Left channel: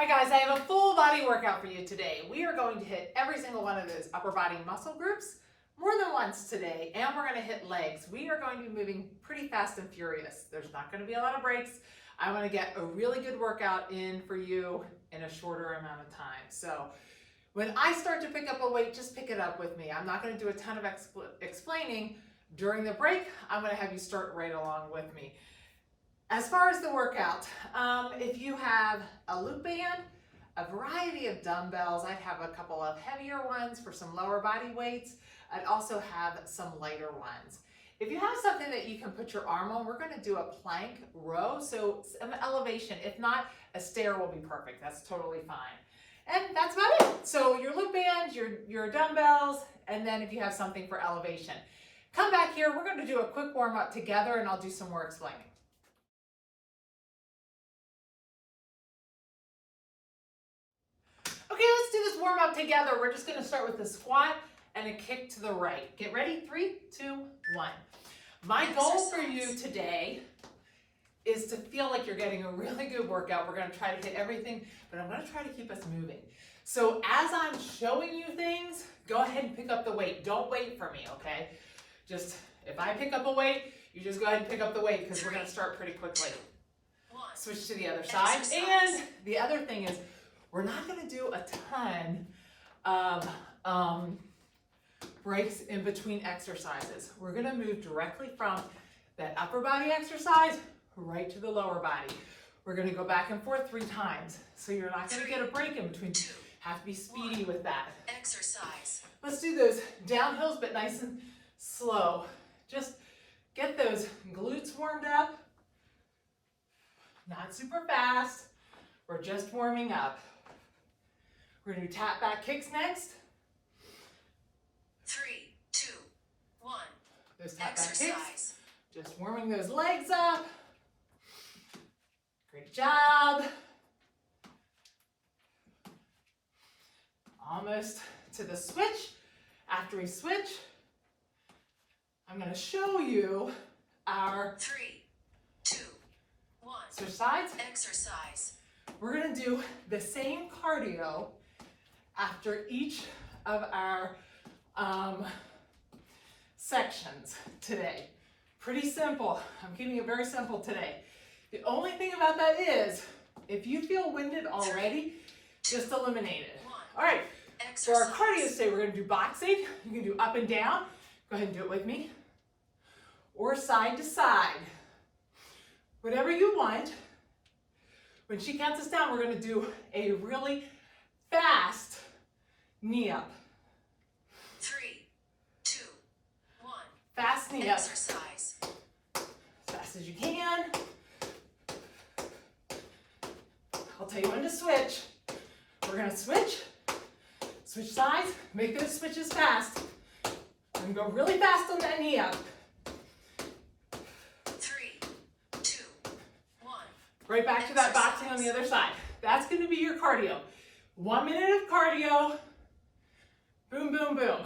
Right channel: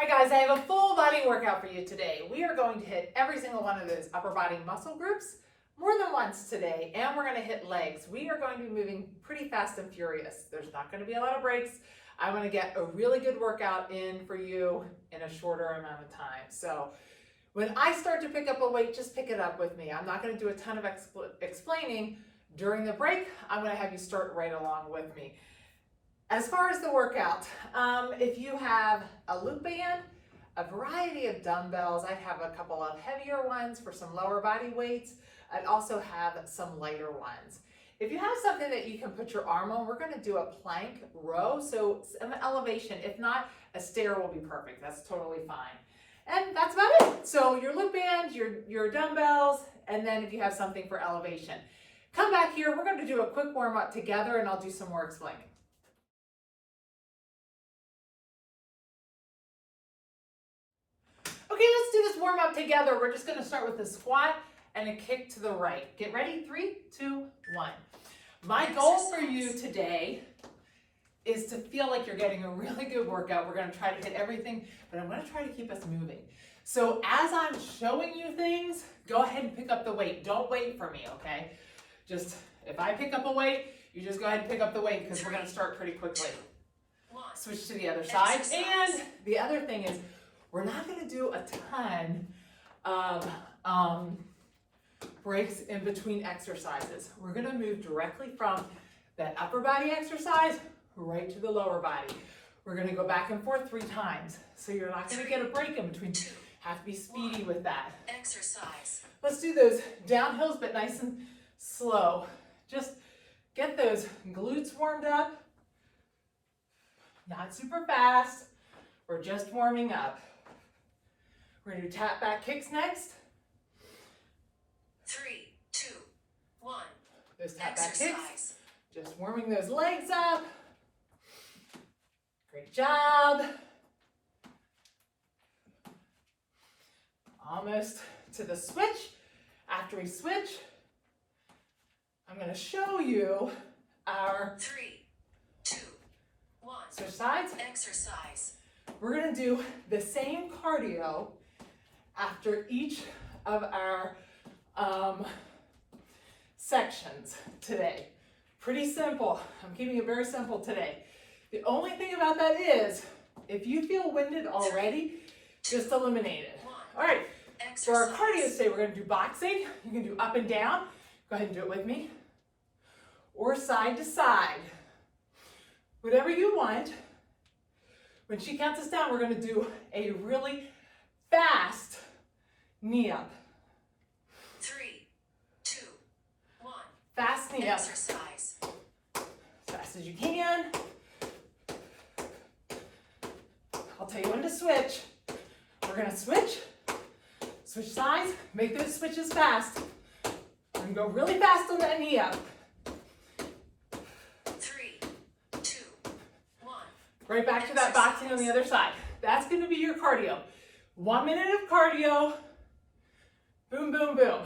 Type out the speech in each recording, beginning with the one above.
Hi guys, I have a full body workout for you today. We are going to hit every single one of those upper body muscle groups more than once today, and we're going to hit legs. We are going to be moving pretty fast and furious. There's not going to be a lot of breaks. I want to get a really good workout in for you in a shorter amount of time. So when I start to pick up a weight, just pick it up with me. I'm not going to do a ton of explaining during the break. I'm going to have you start right along with me. As far as the workout, if you have a Lute band, a variety of dumbbells, I'd have a couple of heavier ones for some lower body weights. I'd also have some lighter ones. If you have something that you can put your arm on, we're going to do a plank row, so some elevation. If not, a stair will be perfect. That's totally fine. And that's about it. So your Lute band, your dumbbells, and then if you have something for elevation. Come back here, we're going to do a quick warm up together and I'll do some more explaining. Okay, let's do this warm up together. We're just gonna start with a squat and a kick to the right. Get ready, 3, 2, 1. My goal for you today is to feel like you're getting a really good workout. We're gonna try to hit everything, but I'm gonna try to keep us moving. So as I'm showing you things, go ahead and pick up the weight. Don't wait for me, okay? Just, if I pick up a weight, you just go ahead and pick up the weight because we're gonna start pretty quickly. Switch to the other side. And the other thing is, we're not going to do a ton of breaks in between exercises. We're going to move directly from that upper body exercise right to the lower body. We're going to go back and forth 3 times. So you're not going to get a break in between. Have to be speedy with that. Exercise. Let's do those downhills, but nice and slow. Just get those glutes warmed up. Not super fast. We're just warming up. We're going to do tap back kicks next. 3, 2, 1. Those tap back kicks. Just warming those legs up. Great job. Almost to the switch. After we switch, I'm going to show you our 3, 2, 1. Switch sides. Exercise. We're going to do the same cardio after each of our sections today. Pretty simple. I'm keeping it very simple today. The only thing about that is, if you feel winded already, just eliminate it. All right, for our cardio today, we're going to do boxing. You can do up and down. Go ahead and do it with me. Or side to side. Whatever you want. When she counts us down, we're going to do a really fast knee up. 3, 2, 1. Fast knee Exercise. up. As fast as you can. I'll tell you when to switch. We're going to switch sides, make those switches fast. And go really fast on that knee up. 3, 2, 1. Right back to that boxing on the other side. That's going to be your cardio. 1 minute of cardio. Boom, boom, boom.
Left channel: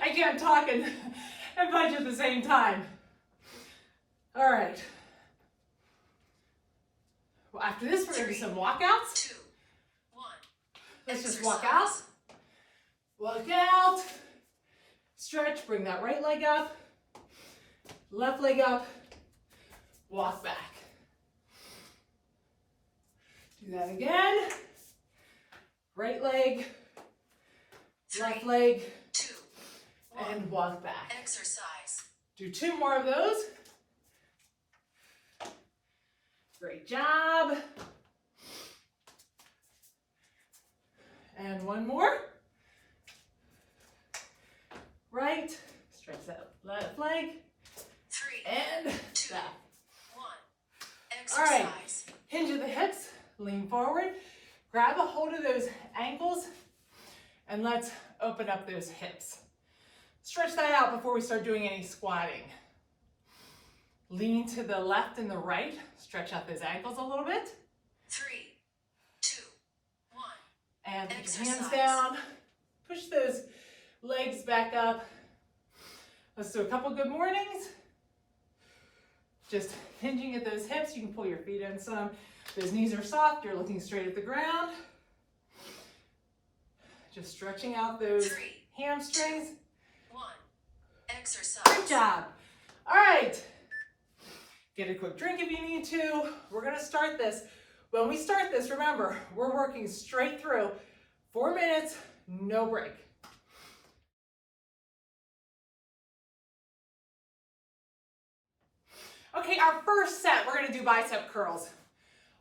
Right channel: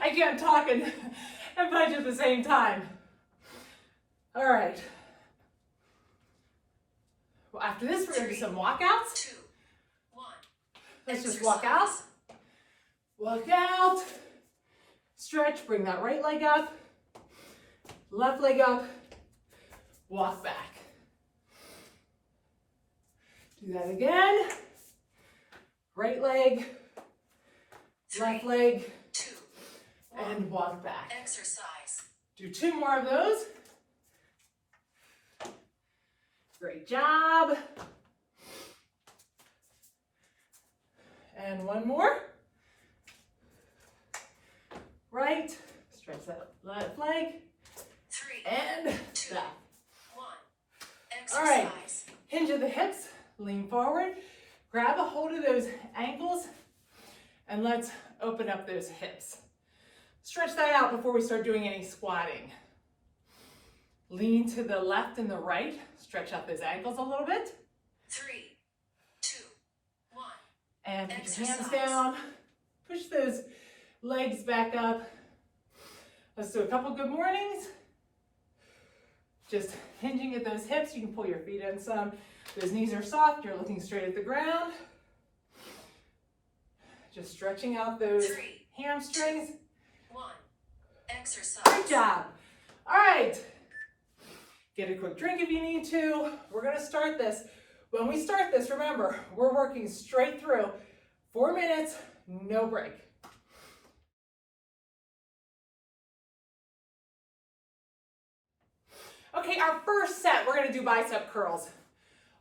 I can't talk and punch at the same time. All right. Well, after this, we're going to do some walkouts. 2, 1. Let's just walk out. Walk out. Stretch. Bring that right leg up. Left leg up. Walk back. Do that again. Right leg. 3, Left leg. 2, 1. And walk back. Exercise. Do 2 more of those. Great job. And 1 more. Right. Stretch that left leg. 3, And 2, back. 1. All right. Exercise. Hinge of the hips. Lean forward. Grab a hold of those ankles. And let's open up those hips. Stretch that out before we start doing any squatting. Lean to the left and the right. Stretch out those ankles a little bit. 3, 2, 1. And put your hands down. Push those legs back up. Let's do a couple good mornings. Just hinging at those hips. You can pull your feet in some. Those knees are soft, you're looking straight at the ground. Just stretching out those 3, hamstrings. 2, 1. Exercise. Good job. All right. Get a quick drink if you need to. We're gonna start this. When we start this, remember, we're working straight through. 4 minutes, no break. Okay, our first set, we're gonna do bicep curls.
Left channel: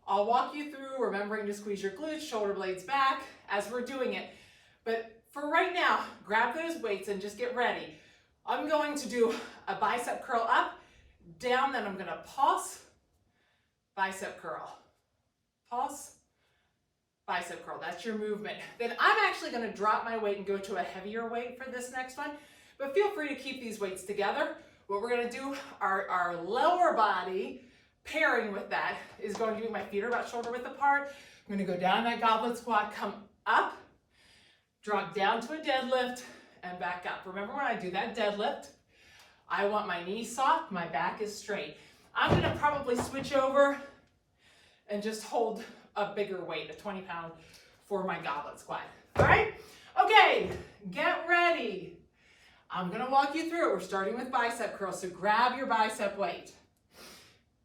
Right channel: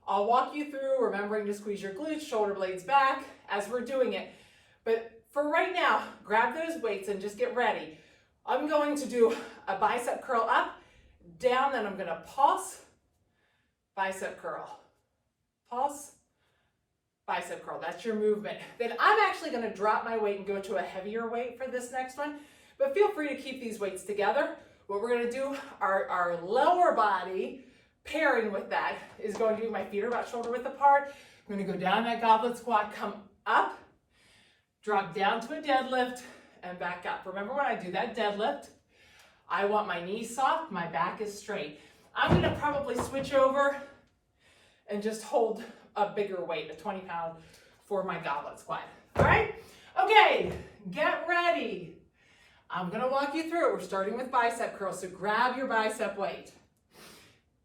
I'll walk you through, remembering to squeeze your glutes, shoulder blades back as we're doing it. But for right now, grab those weights and just get ready. I'm going to do a bicep curl up, down, then I'm gonna pulse, bicep curl. Pulse, bicep curl, that's your movement. Then I'm actually gonna drop my weight and go to a heavier weight for this next one, but feel free to keep these weights together. What we're gonna do, our lower body, pairing with that, is going to be my feet are about shoulder width apart. I'm gonna go down that goblet squat, come up, drop down to a deadlift, and back up. Remember when I do that deadlift, I want my knees soft, my back is straight. I'm gonna probably switch over and just hold a bigger weight, a 20-pound for my goblet squat. All right? Okay, get ready. I'm gonna walk you through it. We're starting with bicep curls, so grab your bicep weight.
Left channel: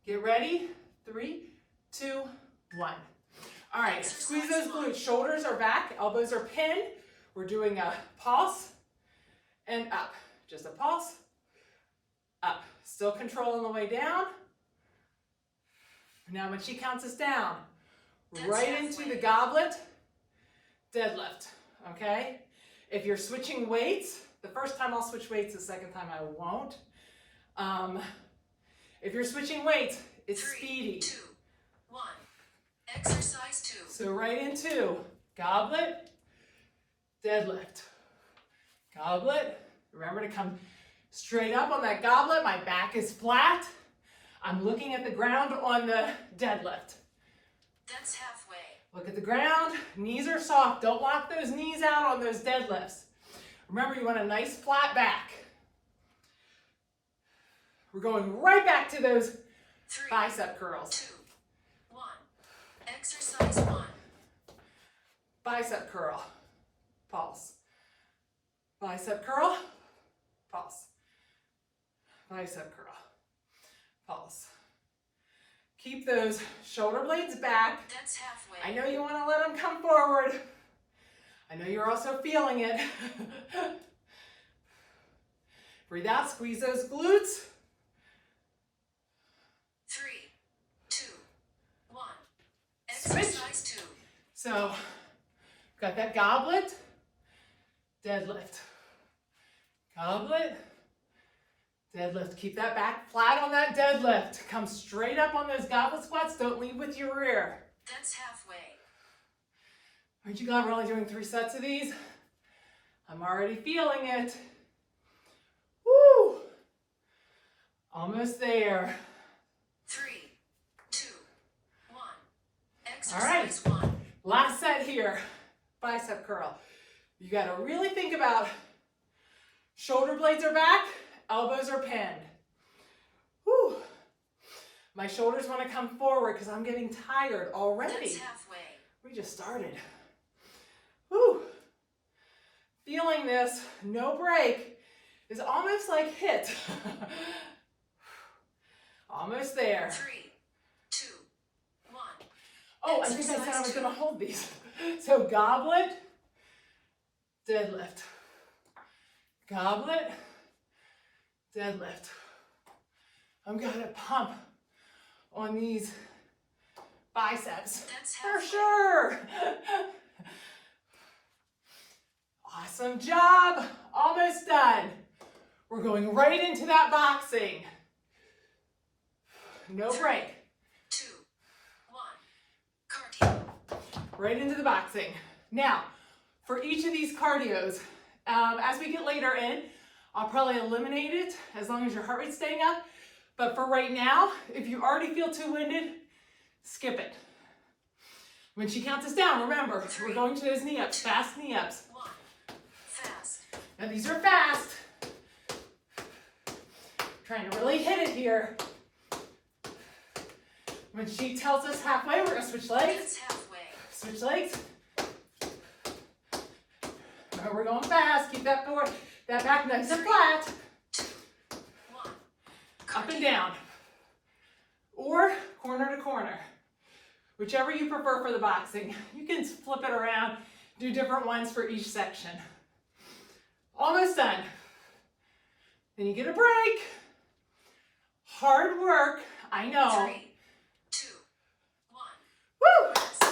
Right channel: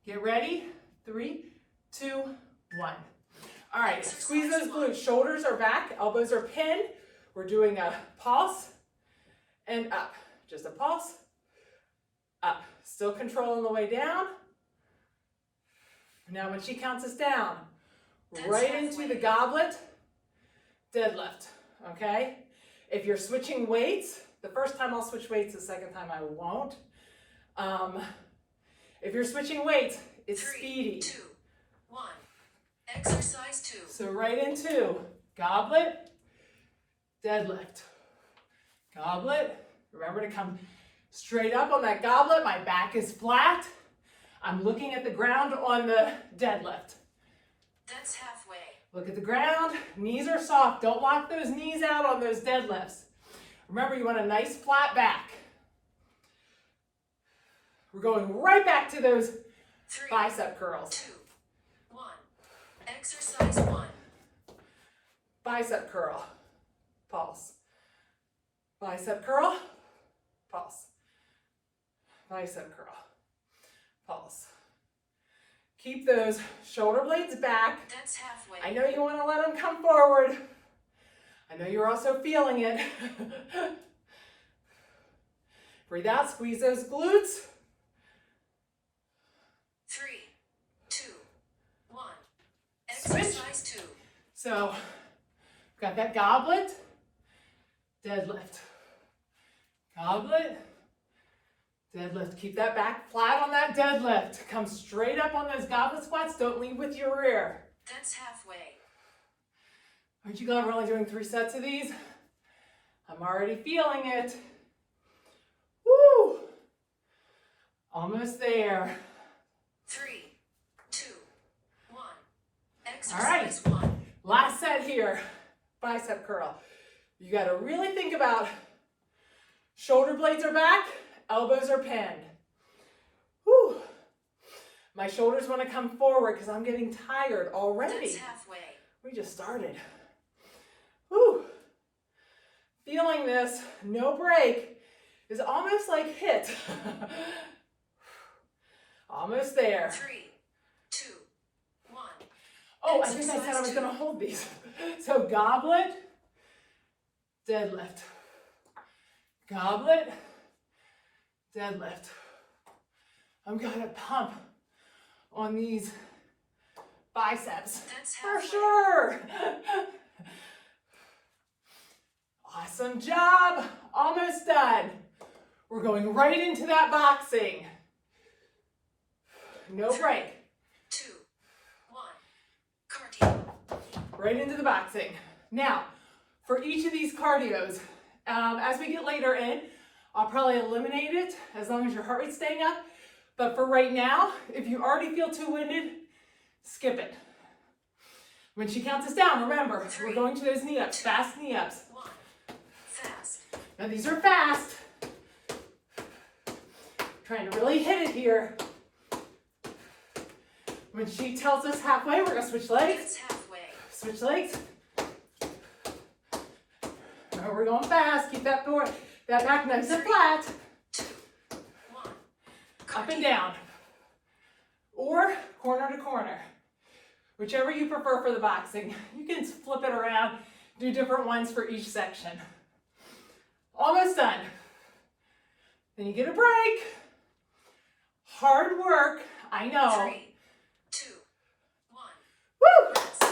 Get ready, 3, 2, 1. All right, squeeze those glutes. Shoulders are back, elbows are pinned. We're doing a pulse and up. Just a pulse, up. Still controlling the way down. Now when she counts us down, right into the goblet, deadlift, okay? If you're switching weights, the first time I'll switch weights, the second time I won't. If you're switching weights, it's 3, speedy. 2, 1. Exercise 2. So right into goblet, deadlift. Goblet, remember to come straight up on that goblet. My back is flat. I'm looking at the ground on the deadlift. That's halfway. Look at the ground, knees are soft. Don't lock those knees out on those deadlifts. Remember, you want a nice flat back. We're going right back to those 3, bicep curls. 2, 1. Exercise 1. Bicep curl, pulse. Bicep curl, pulse. Bicep curl, pulse. Keep those shoulder blades back. That's halfway. I know you want to let them come forward. I know you're also feeling it. Breathe out, squeeze those glutes. 3, 2, 1. Exercise 2. So, got that goblet, deadlift. Goblet, deadlift. Keep that back flat on that deadlift. Come straight up on those goblet squats. Don't lead with your rear. That's halfway. Aren't you glad we're only doing 3 sets of these? I'm already feeling it. Woo! Almost there. 3, 2, 1. All right. Exercise 1. Last set here. Bicep curl. You got to really think about shoulder blades are back, elbows are pinned. Woo! My shoulders want to come forward because I'm getting tired already. That's halfway. We just started. Woo! Feeling this, no break, is almost like HIIT. Almost there. 3, 2, 1. Oh, I think I said I was going to hold these. So goblet, deadlift. Goblet, deadlift. I'm going to pump on these biceps. That's For halfway. sure. Awesome job. Almost done. We're going right into that boxing. No break. 2, 1. Cardio. Right into the boxing. Now, for each of these cardios, as we get later in, I'll probably eliminate it as long as your heart rate's staying up. But for right now, if you already feel too winded, skip it. When she counts us down, remember, we're going to those knee ups, fast knee ups. 1. Fast. Now these are fast. Trying to really hit it here. When she tells us halfway, we're gonna switch legs. That's halfway. Switch legs. All right, we're going fast. Keep that forward, that back nice and flat. 2, 1. Up and down. Or corner to corner. Whichever you prefer for the boxing. You can flip it around, do different ones for each section. Almost done. Then you get a break. Hard work, I know. 3, 2, 1. Woo! Rest.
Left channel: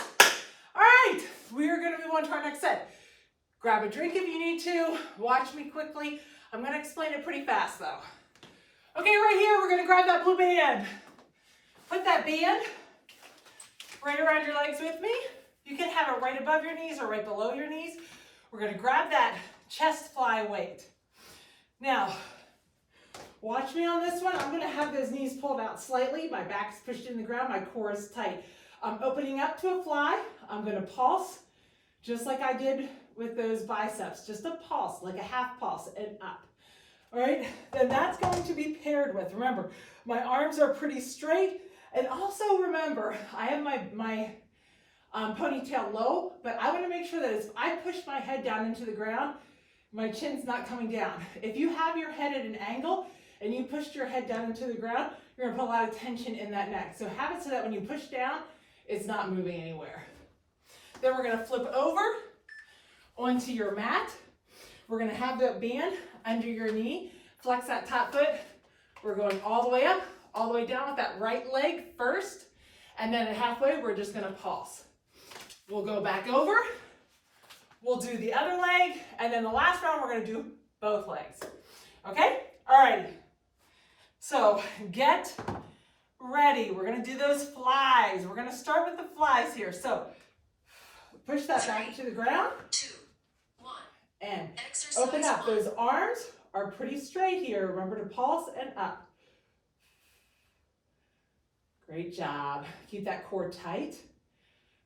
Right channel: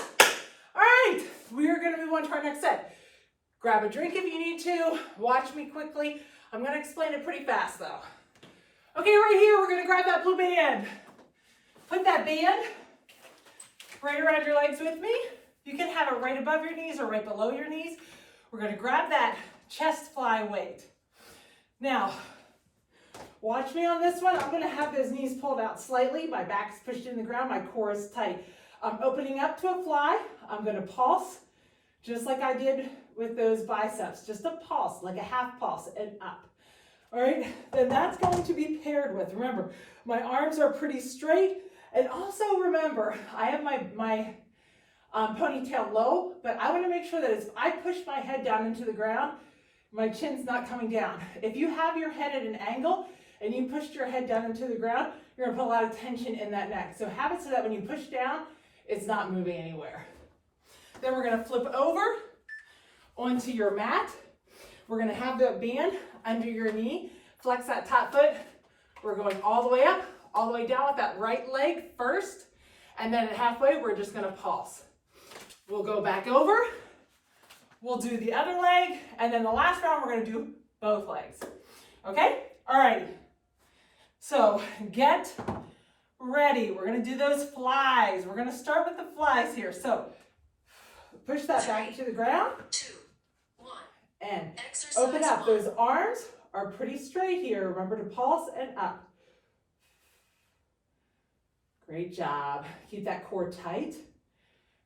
All right, we are gonna move on to our next set. Grab a drink if you need to. Watch me quickly. I'm gonna explain it pretty fast though. Okay, right here, we're gonna grab that blue band. Put that band right around your legs with me. You can have it right above your knees or right below your knees. We're gonna grab that chest fly weight. Now, watch me on this one. I'm gonna have those knees pulled out slightly. My back's pushed in the ground, my core is tight. I'm opening up to a fly. I'm gonna pulse, just like I did with those biceps. Just a pulse, like a half pulse and up. All right, then that's going to be paired with, remember, my arms are pretty straight. And also remember, I have my ponytail low, but I want to make sure that as I push my head down into the ground, my chin's not coming down. If you have your head at an angle and you pushed your head down into the ground, you're gonna put a lot of tension in that neck. So have it so that when you push down, it's not moving anywhere. Then we're gonna flip over onto your mat. We're gonna have the band under your knee. Flex that top foot. We're going all the way up, all the way down with that right leg first. And then at halfway, we're just gonna pulse. We'll go back over. We'll do the other leg. And then the last round, we're gonna do both legs. Okay? All right. So get ready. We're gonna do those flies. We're gonna start with the flies here. So push that back to the ground. 2, 1. And Exercise open up. 1. Those arms are pretty straight here. Remember to pulse and up. Great job. Keep that core tight.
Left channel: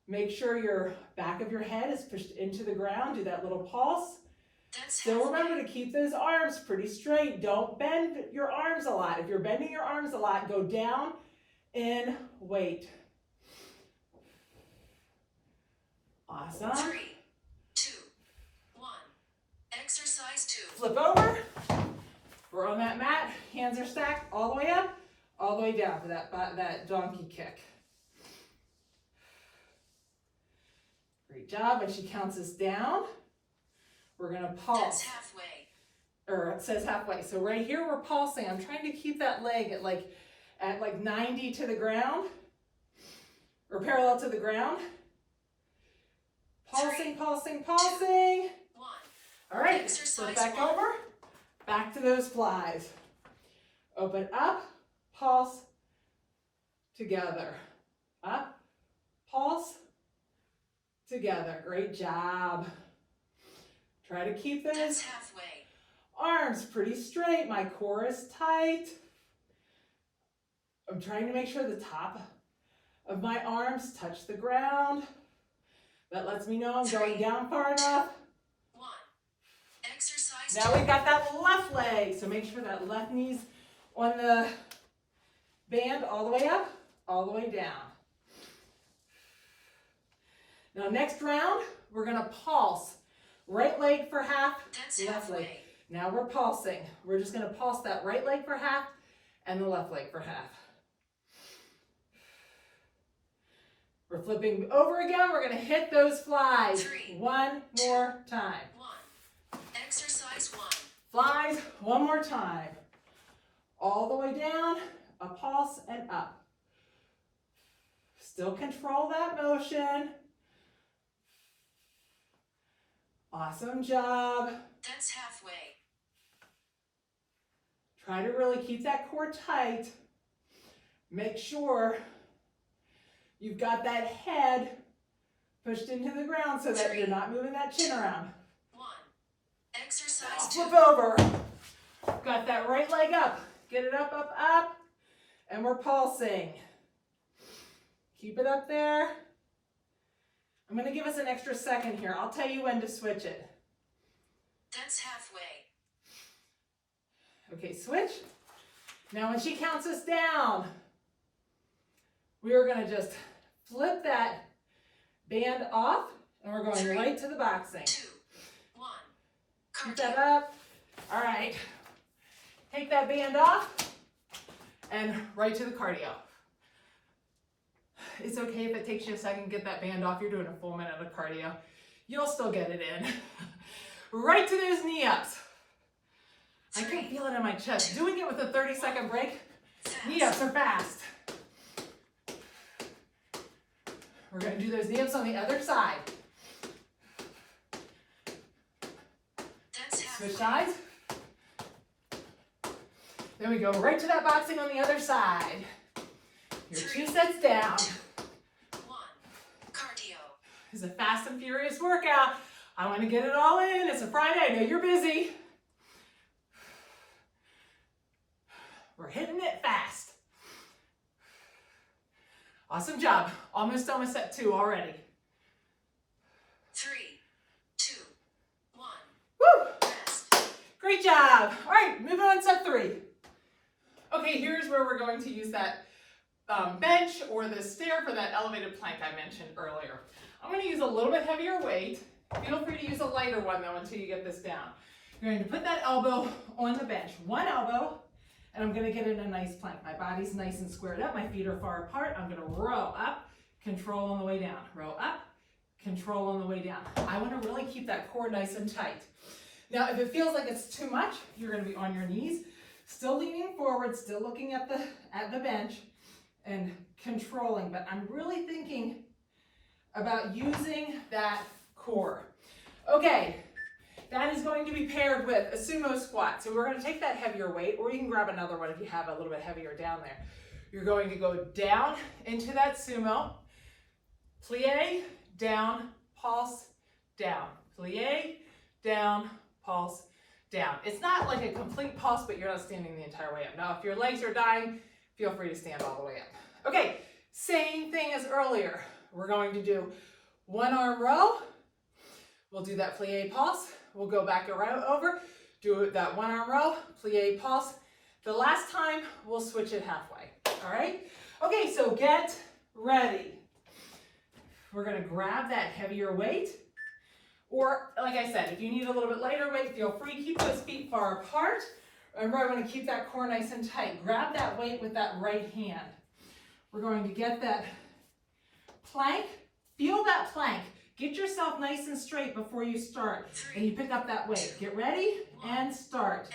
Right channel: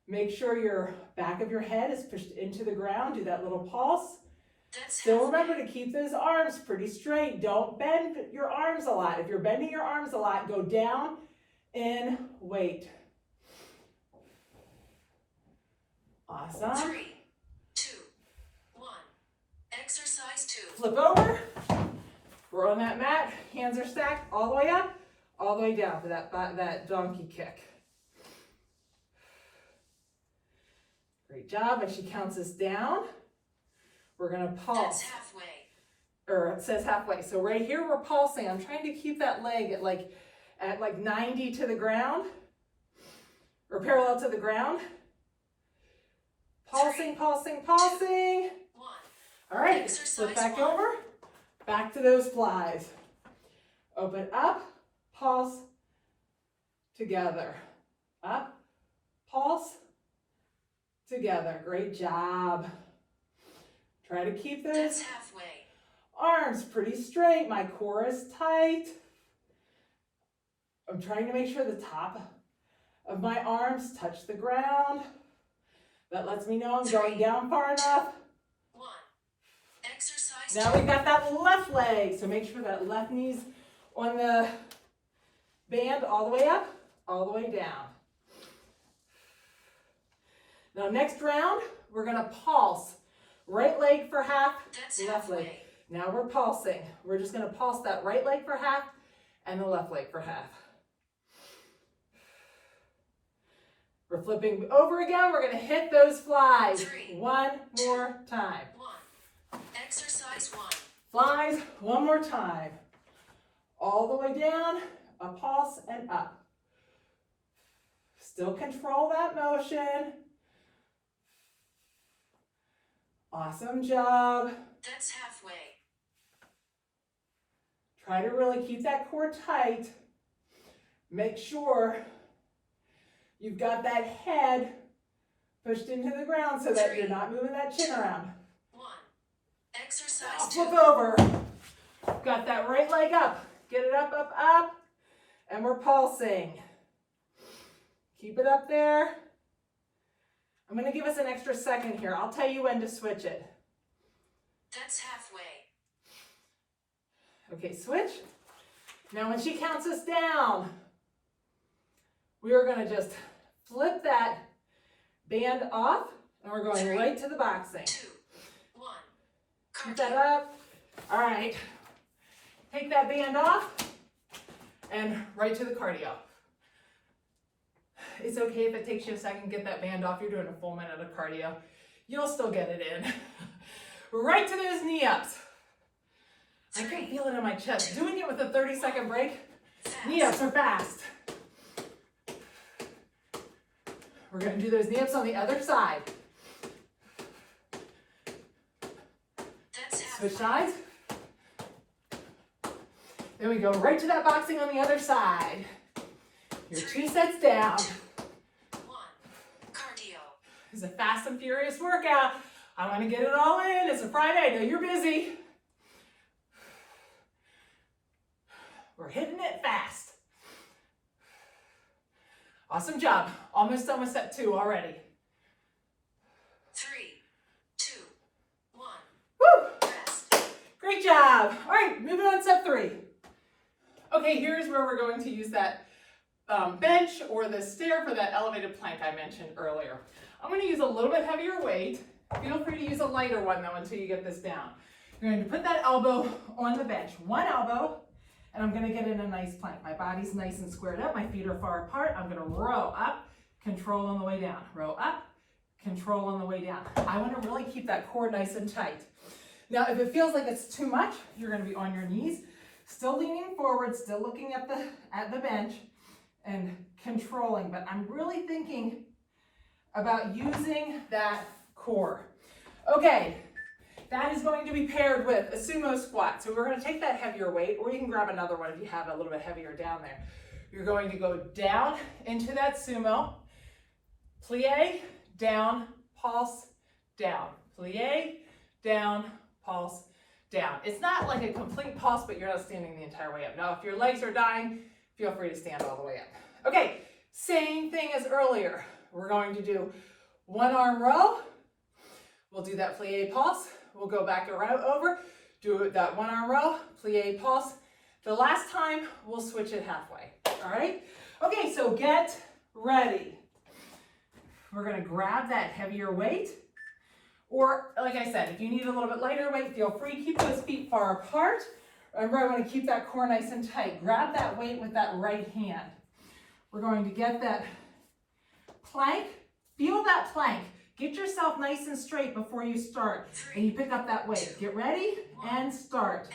Make sure your back of your head is pushed into the ground. Do that little pulse. That's Still halfway. remember to keep those arms pretty straight. Don't bend your arms a lot. If you're bending your arms a lot, go down in weight. Awesome. 3, 2, 1. Exercise 2. Flip over. We're on that mat. Hands are stacked all the way up, all the way down for that donkey kick. Great job. When she counts us down, we're going to pulse. That's halfway. Or it says halfway. So right here we're pulsing. I'm trying to keep that leg at like 90 to the ground or parallel to the ground. Pulsing, pulsing, pulsing. 1. All right, Exercise flip back 1. over. Back to those flies. Open up, pulse, together. Up, pulse, together. Great job. Try to keep those That's halfway. arms pretty straight. My core is tight. I'm trying to make sure the top of my arms touch the ground. That lets me know I'm going down far enough. 1. Exercise Now 2. we've got that left leg. So make sure that left knee's on the band all the way up, all the way down. Now next round, we're gonna pulse. Right leg for half, That's left leg. halfway. Now we're pulsing. We're just gonna pulse that right leg for half and the left leg for half. We're flipping over again. We're gonna hit those flies 3, one more time. 1. Exercise 1. Flies one more time. All the way down, a pulse and up. Still control that motion. Awesome job. That's halfway. Try to really keep that core tight. Make sure you've got that head pushed into the ground so that you're not moving that chin around. 1. Exercise Now 2. flip over. Got that right leg up. Get it up, up, up. And we're pulsing. Keep it up there. I'm going to give us an extra second here. I'll tell you when to switch it. That's halfway. Okay, switch. Now when she counts us down, we are going to just flip that band off, and we're going right to the boxing. 2, 1. Keep that up. All right. Take that band off and right to the cardio. It's okay if it takes you a second to get that band off. You're doing a full minute of cardio. You'll still get it in. Right to those knee ups. I can feel it in my chest. Doing it with a 30-second break. Knee ups are fast. We're going to do those knee ups on the other side. Switch sides. Then we go right to that boxing on the other side. Your 2 sets down. 1. Cardio. It's a fast and furious workout. I want to get it all in. It's a Friday. I know you're busy. We're hitting it fast. Awesome job. Almost done with set 2 already. 3, 2, 1. Woo! Rest. Great job. All right, moving on to set 3. Okay, here's where we're going to use that bench or the stair for that elevated plank I mentioned earlier. I'm going to use a little bit heavier weight. Feel free to use a lighter one though until you get this down. You're going to put that elbow on the bench, one elbow, and I'm going to get in a nice plank. My body's nice and squared up. My feet are far apart. I'm going to row up, control on the way down. Row up, control on the way down. I want to really keep that core nice and tight. Now, if it feels like it's too much, you're going to be on your knees, still leaning forward, still looking at the bench and controlling. But I'm really thinking about using that core. Okay, that is going to be paired with a sumo squat. So we're going to take that heavier weight, or you can grab another one if you have a little bit heavier down there. You're going to go down into that sumo, plie, down, pulse, down, plie, down, pulse, down. It's not like a complete pulse, but you're not standing the entire way up. Now, if your legs are dying, feel free to stand all the way up. Okay, same thing as earlier. We're going to do one arm row. We'll do that plie pulse. We'll go back around over, do that one arm row, plie pulse. The last time, we'll switch it halfway, all right? Okay, so get ready. We're gonna grab that heavier weight, or like I said, if you need a little bit lighter weight, feel free. Keep those feet far apart. Remember, I wanna keep that core nice and tight. Grab that weight with that right hand. We're going to get that plank, feel that plank. Get yourself nice and straight before you start. And you pick up that weight. Get ready and start.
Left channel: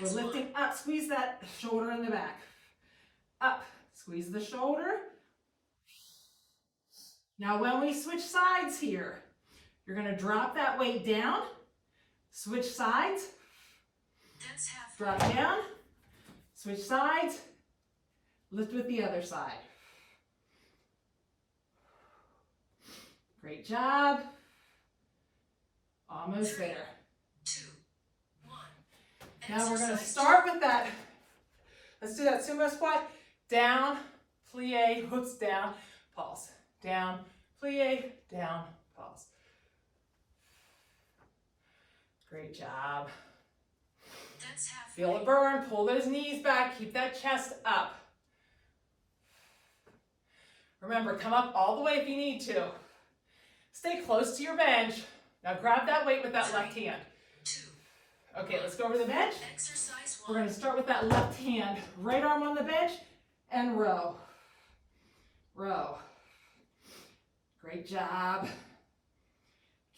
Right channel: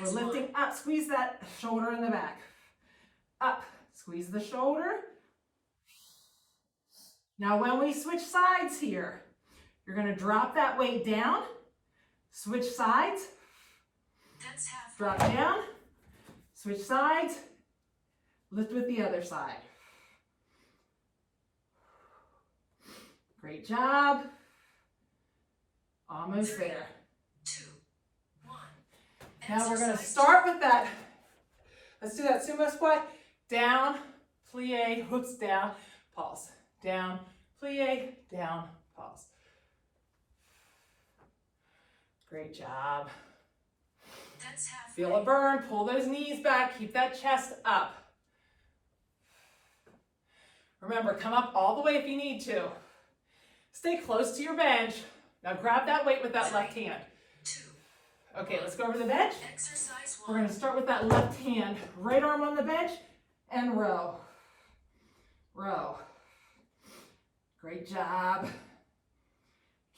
We're lifting up. Squeeze that shoulder in the back. Up. Squeeze the shoulder. Now when we switch sides here, you're going to drop that weight down. Switch sides. Drop down. Switch sides. Lift with the other side. Great job. Almost there. 2, 1. Now we're going to start with that. Let's do that sumo squat. Down, plie, hooks down, pulse. Down, plie, down, pulse. Great job. That's halfway. Feel it burn. Pull those knees back. Keep that chest up. Remember, come up all the way if you need to. Stay close to your bench. Now grab that weight with that left hand. 2. Okay, let's go over the bench. Exercise 1. We're going to start with that left hand. Right arm on the bench and row. Row. Great job.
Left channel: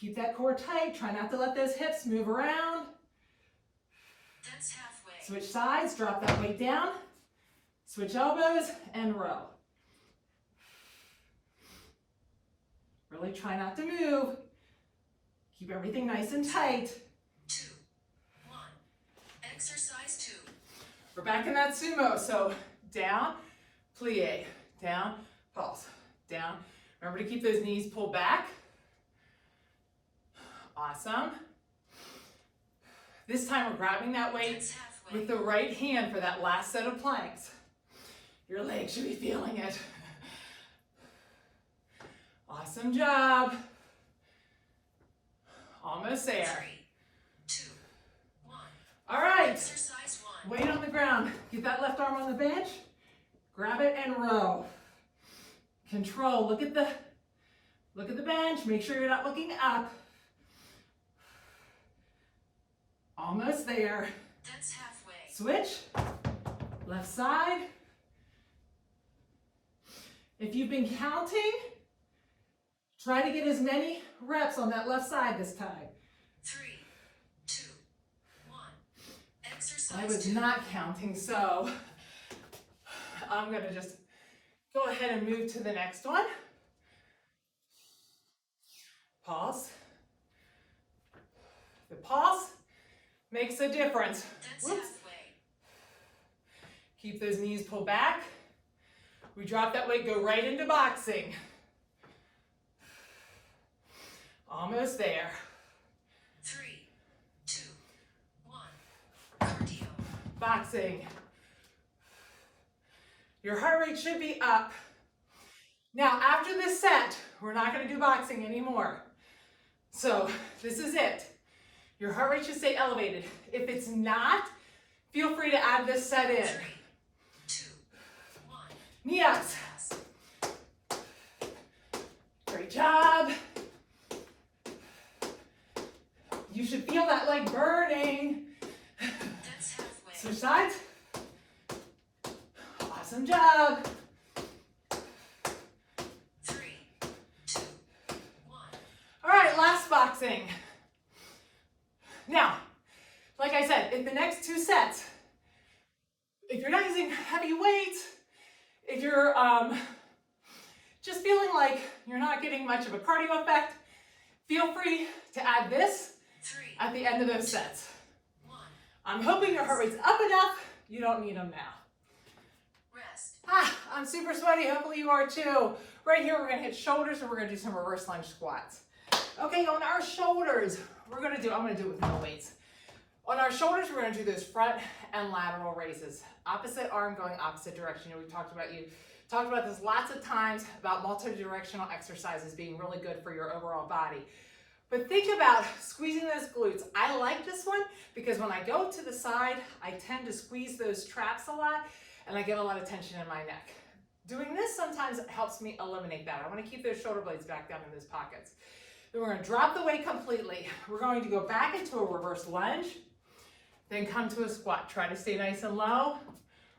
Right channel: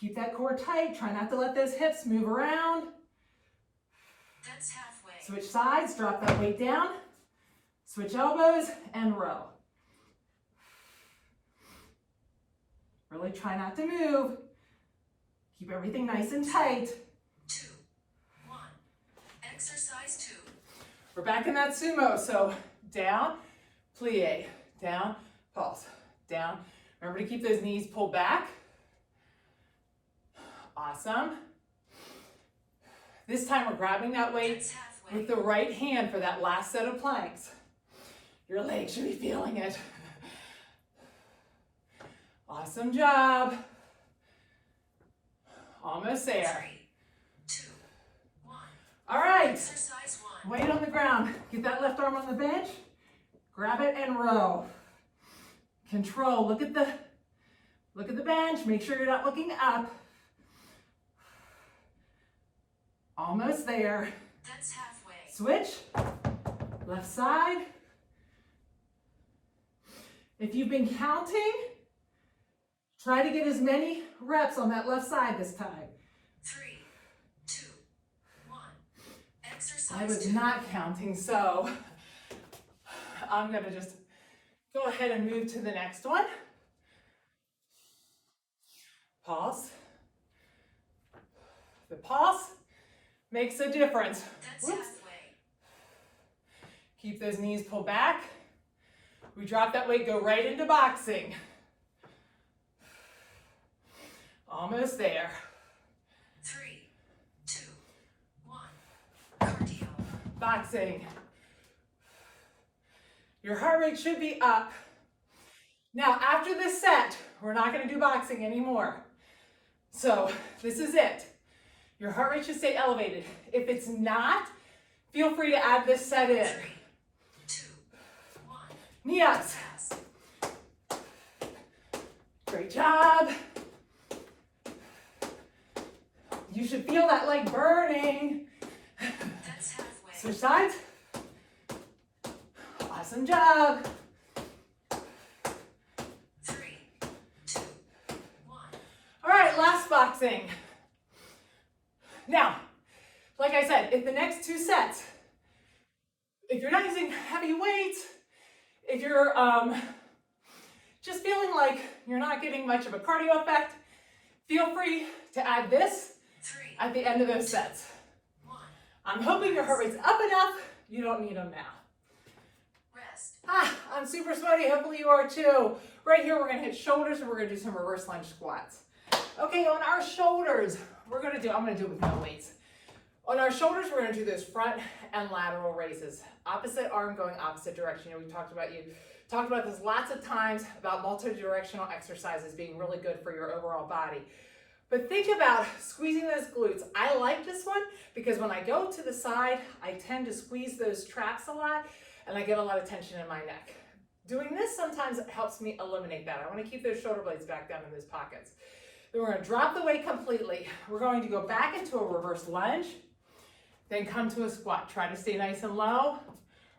Keep that core tight. Try not to let those hips move around. That's halfway. Switch sides. Drop that weight down. Switch elbows and row. Really try not to move. Keep everything nice and tight. 2, 1. Exercise 2. We're back in that sumo. So down, plie, down, pulse, down. Remember to keep those knees pulled back. Awesome. This time we're grabbing that weight with the right hand for that last set of planks. Your legs should be feeling it. Awesome job. Almost there. 3, 2, 1. All right. Exercise 1. Weight on the ground. Get that left arm on the bench. Grab it and row. Control, look at the bench, make sure you're not looking up. Almost there. That's halfway. Switch, left side. If you've been counting, try to get as many reps on that left side this time. 3, 2, 1. Exercise. I was 2. not counting, so I'm gonna just go ahead and move to the next one. Pause. The pause makes a difference. That's Whoops. halfway. Keep those knees pulled back. We drop that weight, go right into boxing. Almost there. 3, 2, 1. Cardio. Boxing. Your heart rate should be up. Now, after this set, we're not going to do boxing anymore. So, this is it. Your heart rate should stay elevated. If it's not, feel free to add this set in. 3, 2, 1. Knee ups. Pass. Great job. You should feel that leg burning. That's halfway. Switch sides. Awesome job. 3, 2, 1. All right, last boxing. Now, like I said, in the next two sets, if you're not using heavy weights, if you're just feeling like you're not getting much of a cardio effect, feel free to add this 3, at the end of those sets. 1. I'm hoping your heart rate's up enough, you don't need them now. Rest. I'm super sweaty, hopefully you are too. Right here, we're gonna hit shoulders and we're gonna do some reverse lunge squats. Okay, on our shoulders, I'm gonna do it with no weights. On our shoulders, we're gonna do those front and lateral raises. Opposite arm going opposite direction. You know, we talked about this lots of times about multi-directional exercises being really good for your overall body. But think about squeezing those glutes. I like this one because when I go to the side, I tend to squeeze those traps a lot and I get a lot of tension in my neck. Doing this sometimes helps me eliminate that. I want to keep those shoulder blades back down in those pockets. Then we're going to drop the weight completely. We're going to go back into a reverse lunge, then come to a squat. Try to stay nice and low.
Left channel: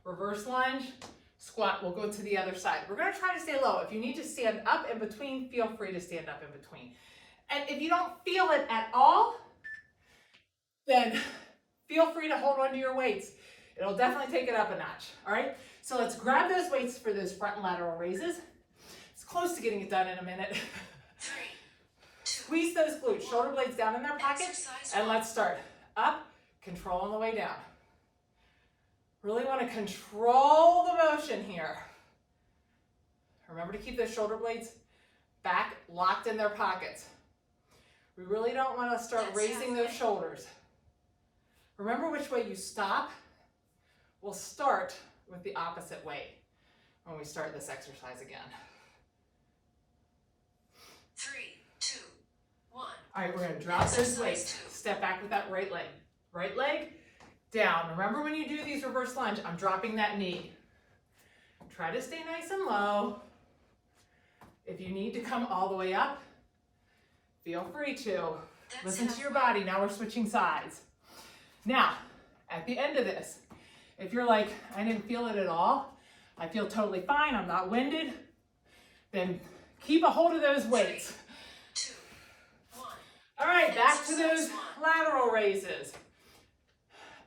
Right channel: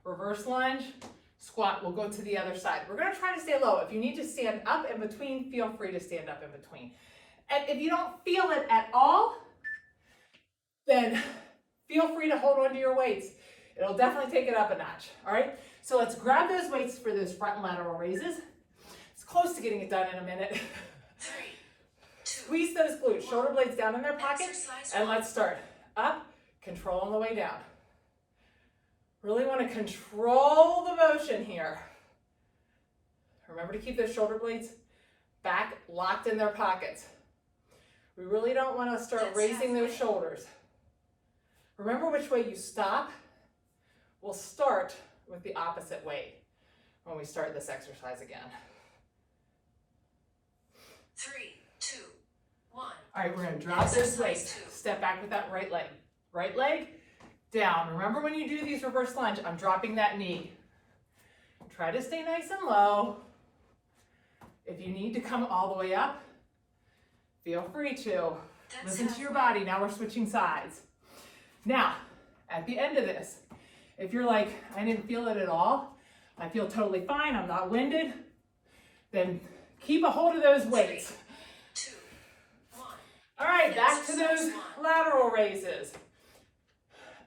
Reverse lunge, squat. We'll go to the other side. We're going to try to stay low. If you need to stand up in between, feel free to stand up in between. And if you don't feel it at all, then feel free to hold on to your weights. It'll definitely take it up a notch, all right? So let's grab those weights for those front and lateral raises. It's close to getting it done in a minute. 3, 2. Squeeze those glutes, shoulder blades down in their pockets, and let's start. Up, control on the way down. Really want to control the motion here. Remember to keep those shoulder blades back, locked in their pockets. We really don't want to start raising those shoulders. Remember which way you stop. We'll start with the opposite way when we start this exercise again. 3, 2, 1. All right, we're going to drop this weight. Step back with that right leg. Right leg down. Remember when you do these reverse lunge, I'm dropping that knee. Try to stay nice and low. If you need to come all the way up, feel free to. Listen to your body. Now we're switching sides. Now, at the end of this, if you're like, I didn't feel it at all, I feel totally fine, I'm not winded, then keep a hold of those weights. 2, 1. All right, back to those lateral raises.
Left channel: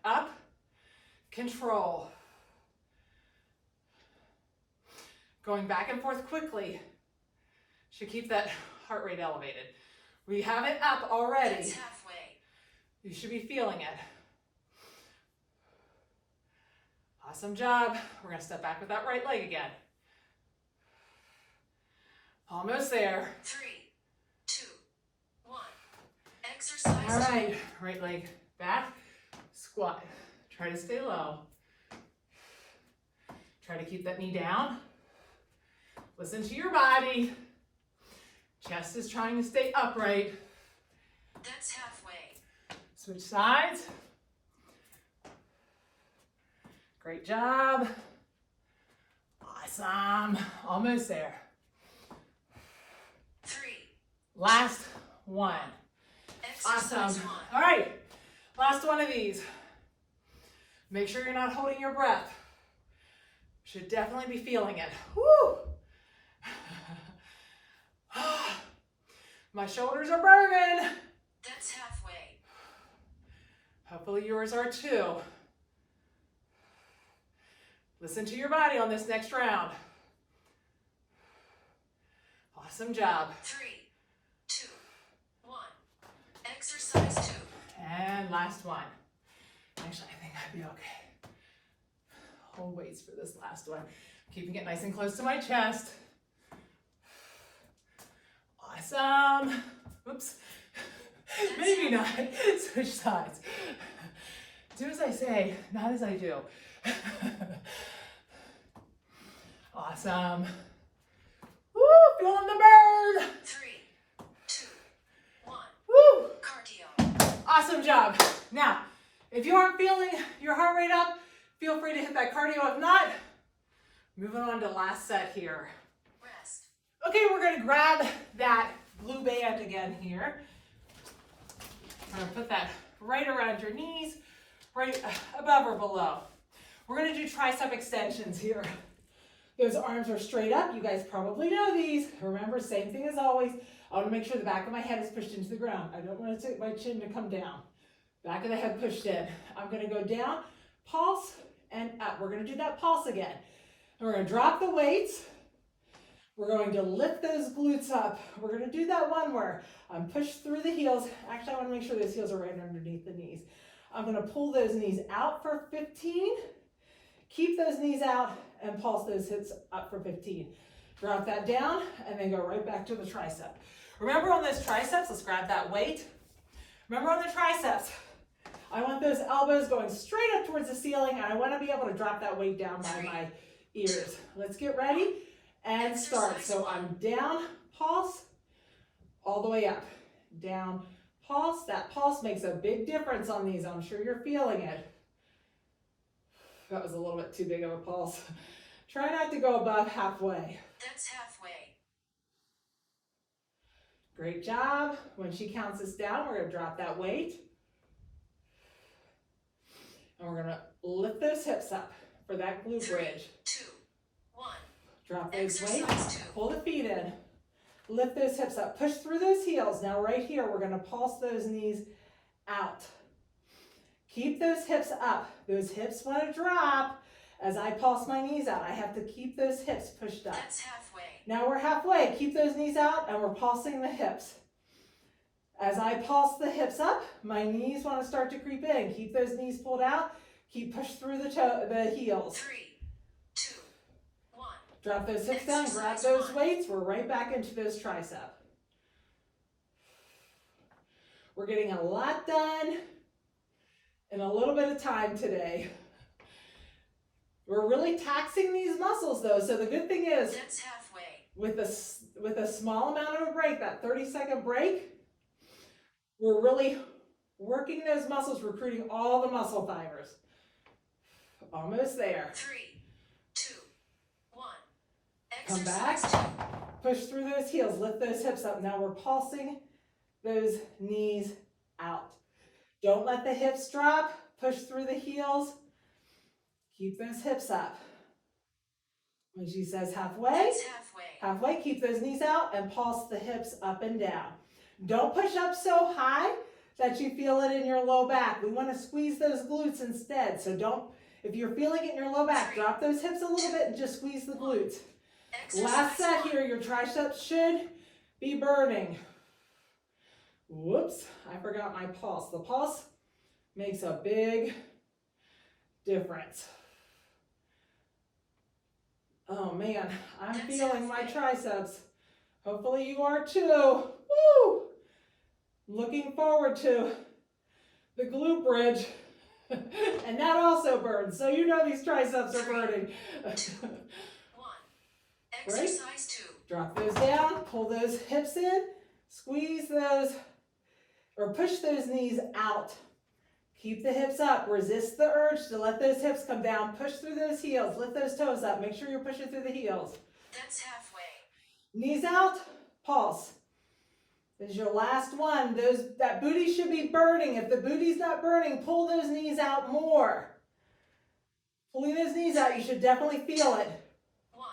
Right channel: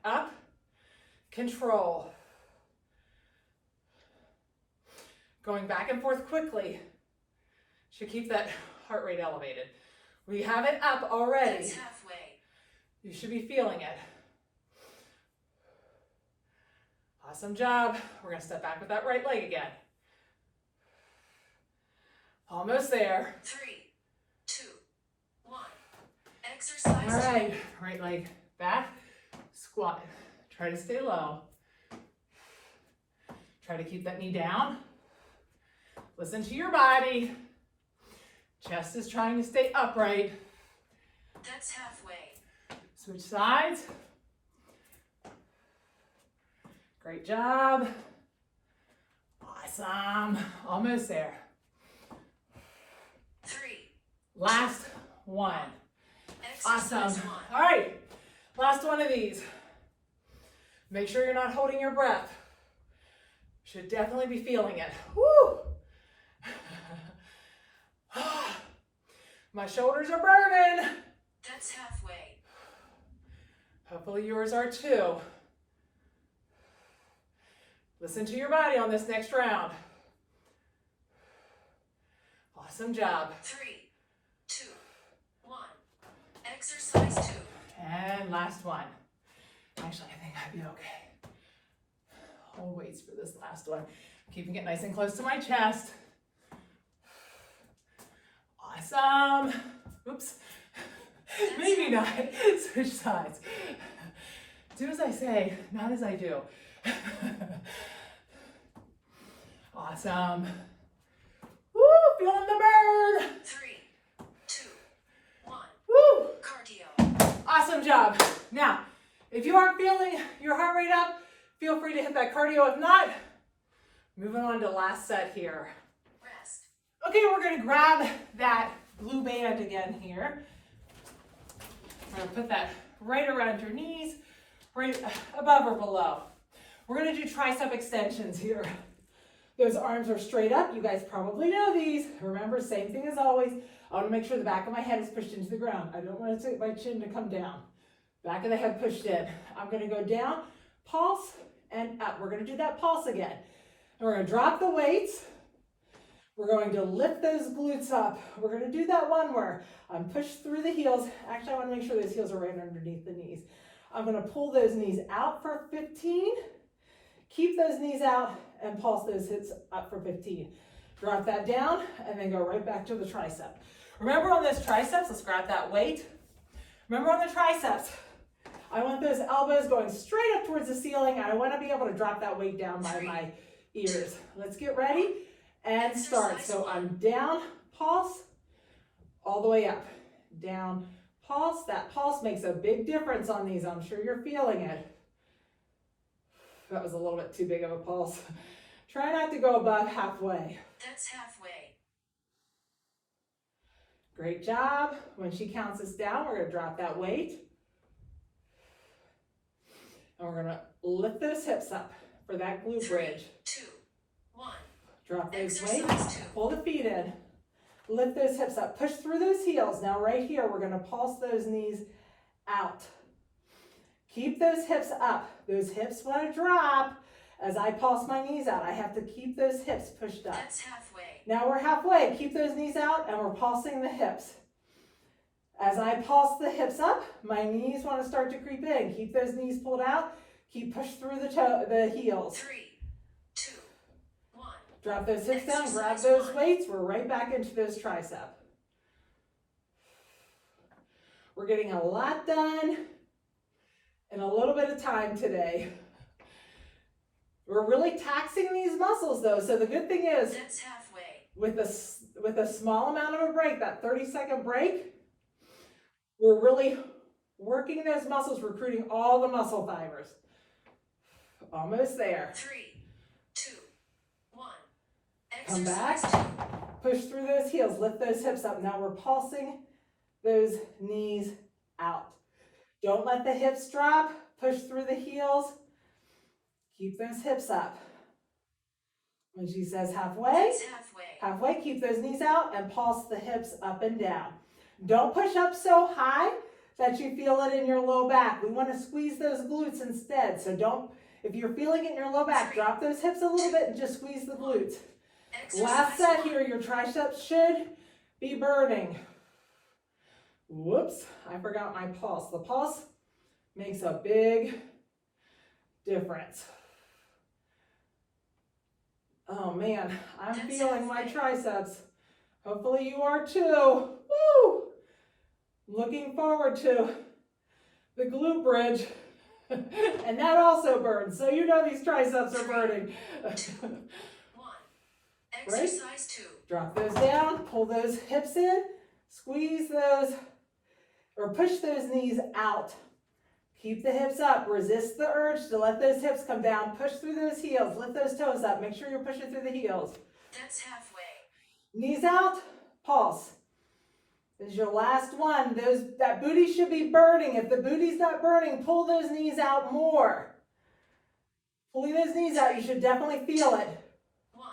Up, control. Going back and forth quickly should keep that heart rate elevated. We have it up already. That's halfway. You should be feeling it. Awesome job. We're going to step back with that right leg again. Almost there. 3, 2, 1. Exercise. All right, right leg back, squat. Try to stay low. Try to keep that knee down. Listen to your body. Chest is trying to stay upright. That's halfway. Switch sides. Great job. Awesome. Almost there. Last one. Exercise Awesome. 1. All right, last one of these. Make sure you're not holding your breath. Should definitely be feeling it. Woo! My shoulders are burning. That's halfway. Hopefully yours are too. Listen to your body on this next round. Awesome job. 3, 2, 1. Exercise 2. And last one. Actually, I think I'd be okay. Hold weights for this last one. Keeping it nice and close to my chest. Awesome. Oops. Maybe not. Switch sides. Do as I say, not as I do. Awesome. Woo, feeling the burn. 3, 2, 1. Woo. Cardio. Awesome job. Now, if you aren't feeling your heart rate up, feel free to hit that cardio. If not, moving on to last set here. Rest. Okay, we're gonna grab that blue band again here. We're gonna put that right around your knees, right above or below. We're gonna do tricep extensions here. Those arms are straight up. You guys probably know these. Remember, same thing as always. I wanna make sure the back of my head is pushed into the ground. I don't want my chin to come down. Back of the head pushed in. I'm gonna go down, pulse, and up. We're gonna do that pulse again. And we're gonna drop the weights. We're going to lift those glutes up. We're going to do that one where I'm pushed through the heels. Actually, I want to make sure those heels are right underneath the knees. I'm going to pull those knees out for 15. Keep those knees out and pulse those hips up for 15. Drop that down and then go right back to the tricep. Remember on those triceps, let's grab that weight. Remember on the triceps, I want those elbows going straight up towards the ceiling. And I want to be able to drop that weight down by my ears. Let's get ready. And start. So I'm down, pulse, all the way up. Down, pulse. That pulse makes a big difference on these. I'm sure you're feeling it. That was a little bit too big of a pulse. Try not to go above halfway. That's halfway. Great job. When she counts us down, we're going to drop that weight. And we're going to lift those hips up for that glute 3, bridge. 2, 1. Drop those weights, Exercise 2. pull the feet in, lift those hips up, push through those heels. Now right here, we're gonna pulse those knees out. Keep those hips up. Those hips wanna drop. As I pulse my knees out, I have to keep those hips pushed up. That's halfway. Now we're halfway. Keep those knees out and we're pulsing the hips. As I pulse the hips up, my knees wanna start to creep in. Keep those knees pulled out. Keep push through the heels. 3, 2, 1. Drop those hips down, grab those weights. We're right back into those tricep. We're getting a lot done in a little bit of time today. We're really taxing these muscles though. So the good thing is, That's halfway. with a small amount of a break, that 30-second break, we're really working those muscles, recruiting all the muscle fibers. Almost there. 3, 2, 1. Come back. Exercise 2. Push through those heels, lift those hips up. Now we're pulsing those knees out. Don't let the hips drop. Push through the heels. Keep those hips up. When she says halfway, That's halfway. halfway, keep those knees out and pulse the hips up and down. Don't push up so high that you feel it in your low back. We want to squeeze those glutes instead. So don't, if you're feeling it in your low back, drop those hips a little bit and just squeeze the glutes. Last set here, your triceps should be burning. Whoops, I forgot my pulse. The pulse makes a big difference. Oh man, I'm feeling my triceps. Hopefully you are too. Woo! Looking forward to the glute bridge. And that also burns. So you know these triceps are burning. 2, 1. Exercise 2. Drop those down, pull those hips in, squeeze those, or push those knees out. Keep the hips up. Resist the urge to let those hips come down. Push through those heels. Lift those toes up. Make sure you're pushing through the heels. That's halfway. Knees out, pulse. This is your last one. That booty should be burning. If the booty's not burning, pull those knees out more. Pulling those knees out, you should definitely feel it. 1.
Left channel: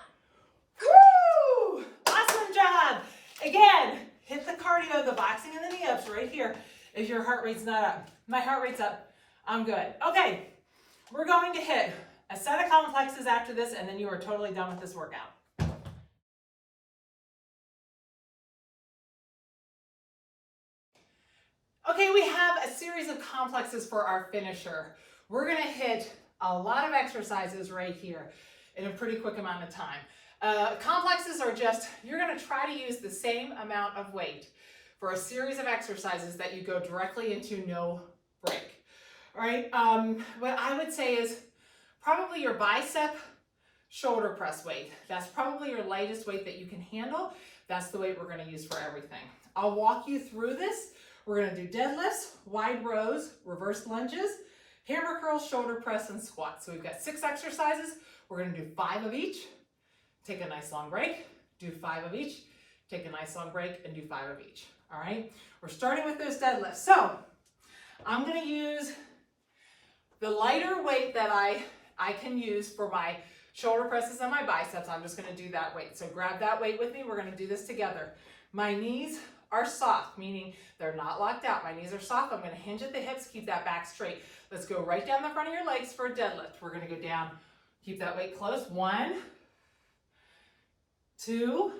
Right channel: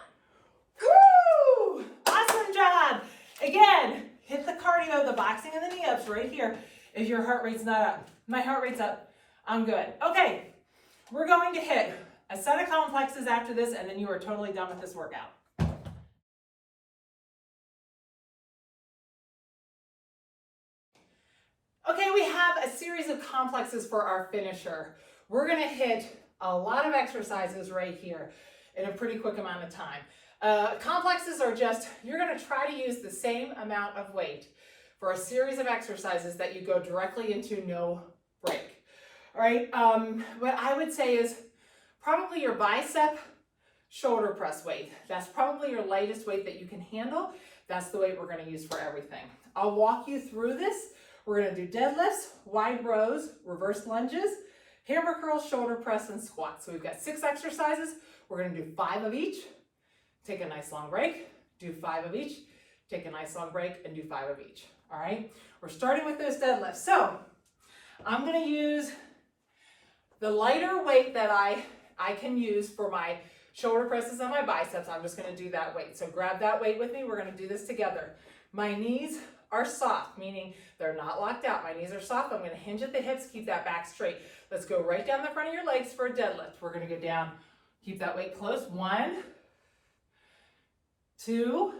Woo! Awesome job. Again, hit the cardio, the boxing and the knee ups right here if your heart rate's not up. My heart rate's up. I'm good. Okay, we're going to hit a set of complexes after this, and then you are totally done with this workout. Okay, we have a series of complexes for our finisher. We're gonna hit a lot of exercises right here in a pretty quick amount of time. Complexes are just, you're gonna try to use the same amount of weight for a series of exercises that you go directly into no break. All right, what I would say is probably your bicep shoulder press weight. That's probably your lightest weight that you can handle. That's the weight we're gonna use for everything. I'll walk you through this. We're gonna do deadlifts, wide rows, reverse lunges, hammer curls, shoulder press, and squats. So we've got 6 exercises. We're gonna do 5 of each. Take a nice long break, do 5 of each. Take a nice long break and do 5 of each. All right, we're starting with those deadlifts. So I'm gonna use the lighter weight that I can use for my shoulder presses and my biceps. I'm just gonna do that weight. So grab that weight with me. We're gonna do this together. My knees are soft, meaning they're not locked out. My knees are soft. I'm gonna hinge at the hips, keep that back straight. Let's go right down the front of your legs for a deadlift. We're gonna go down, keep that weight close. 1, 2,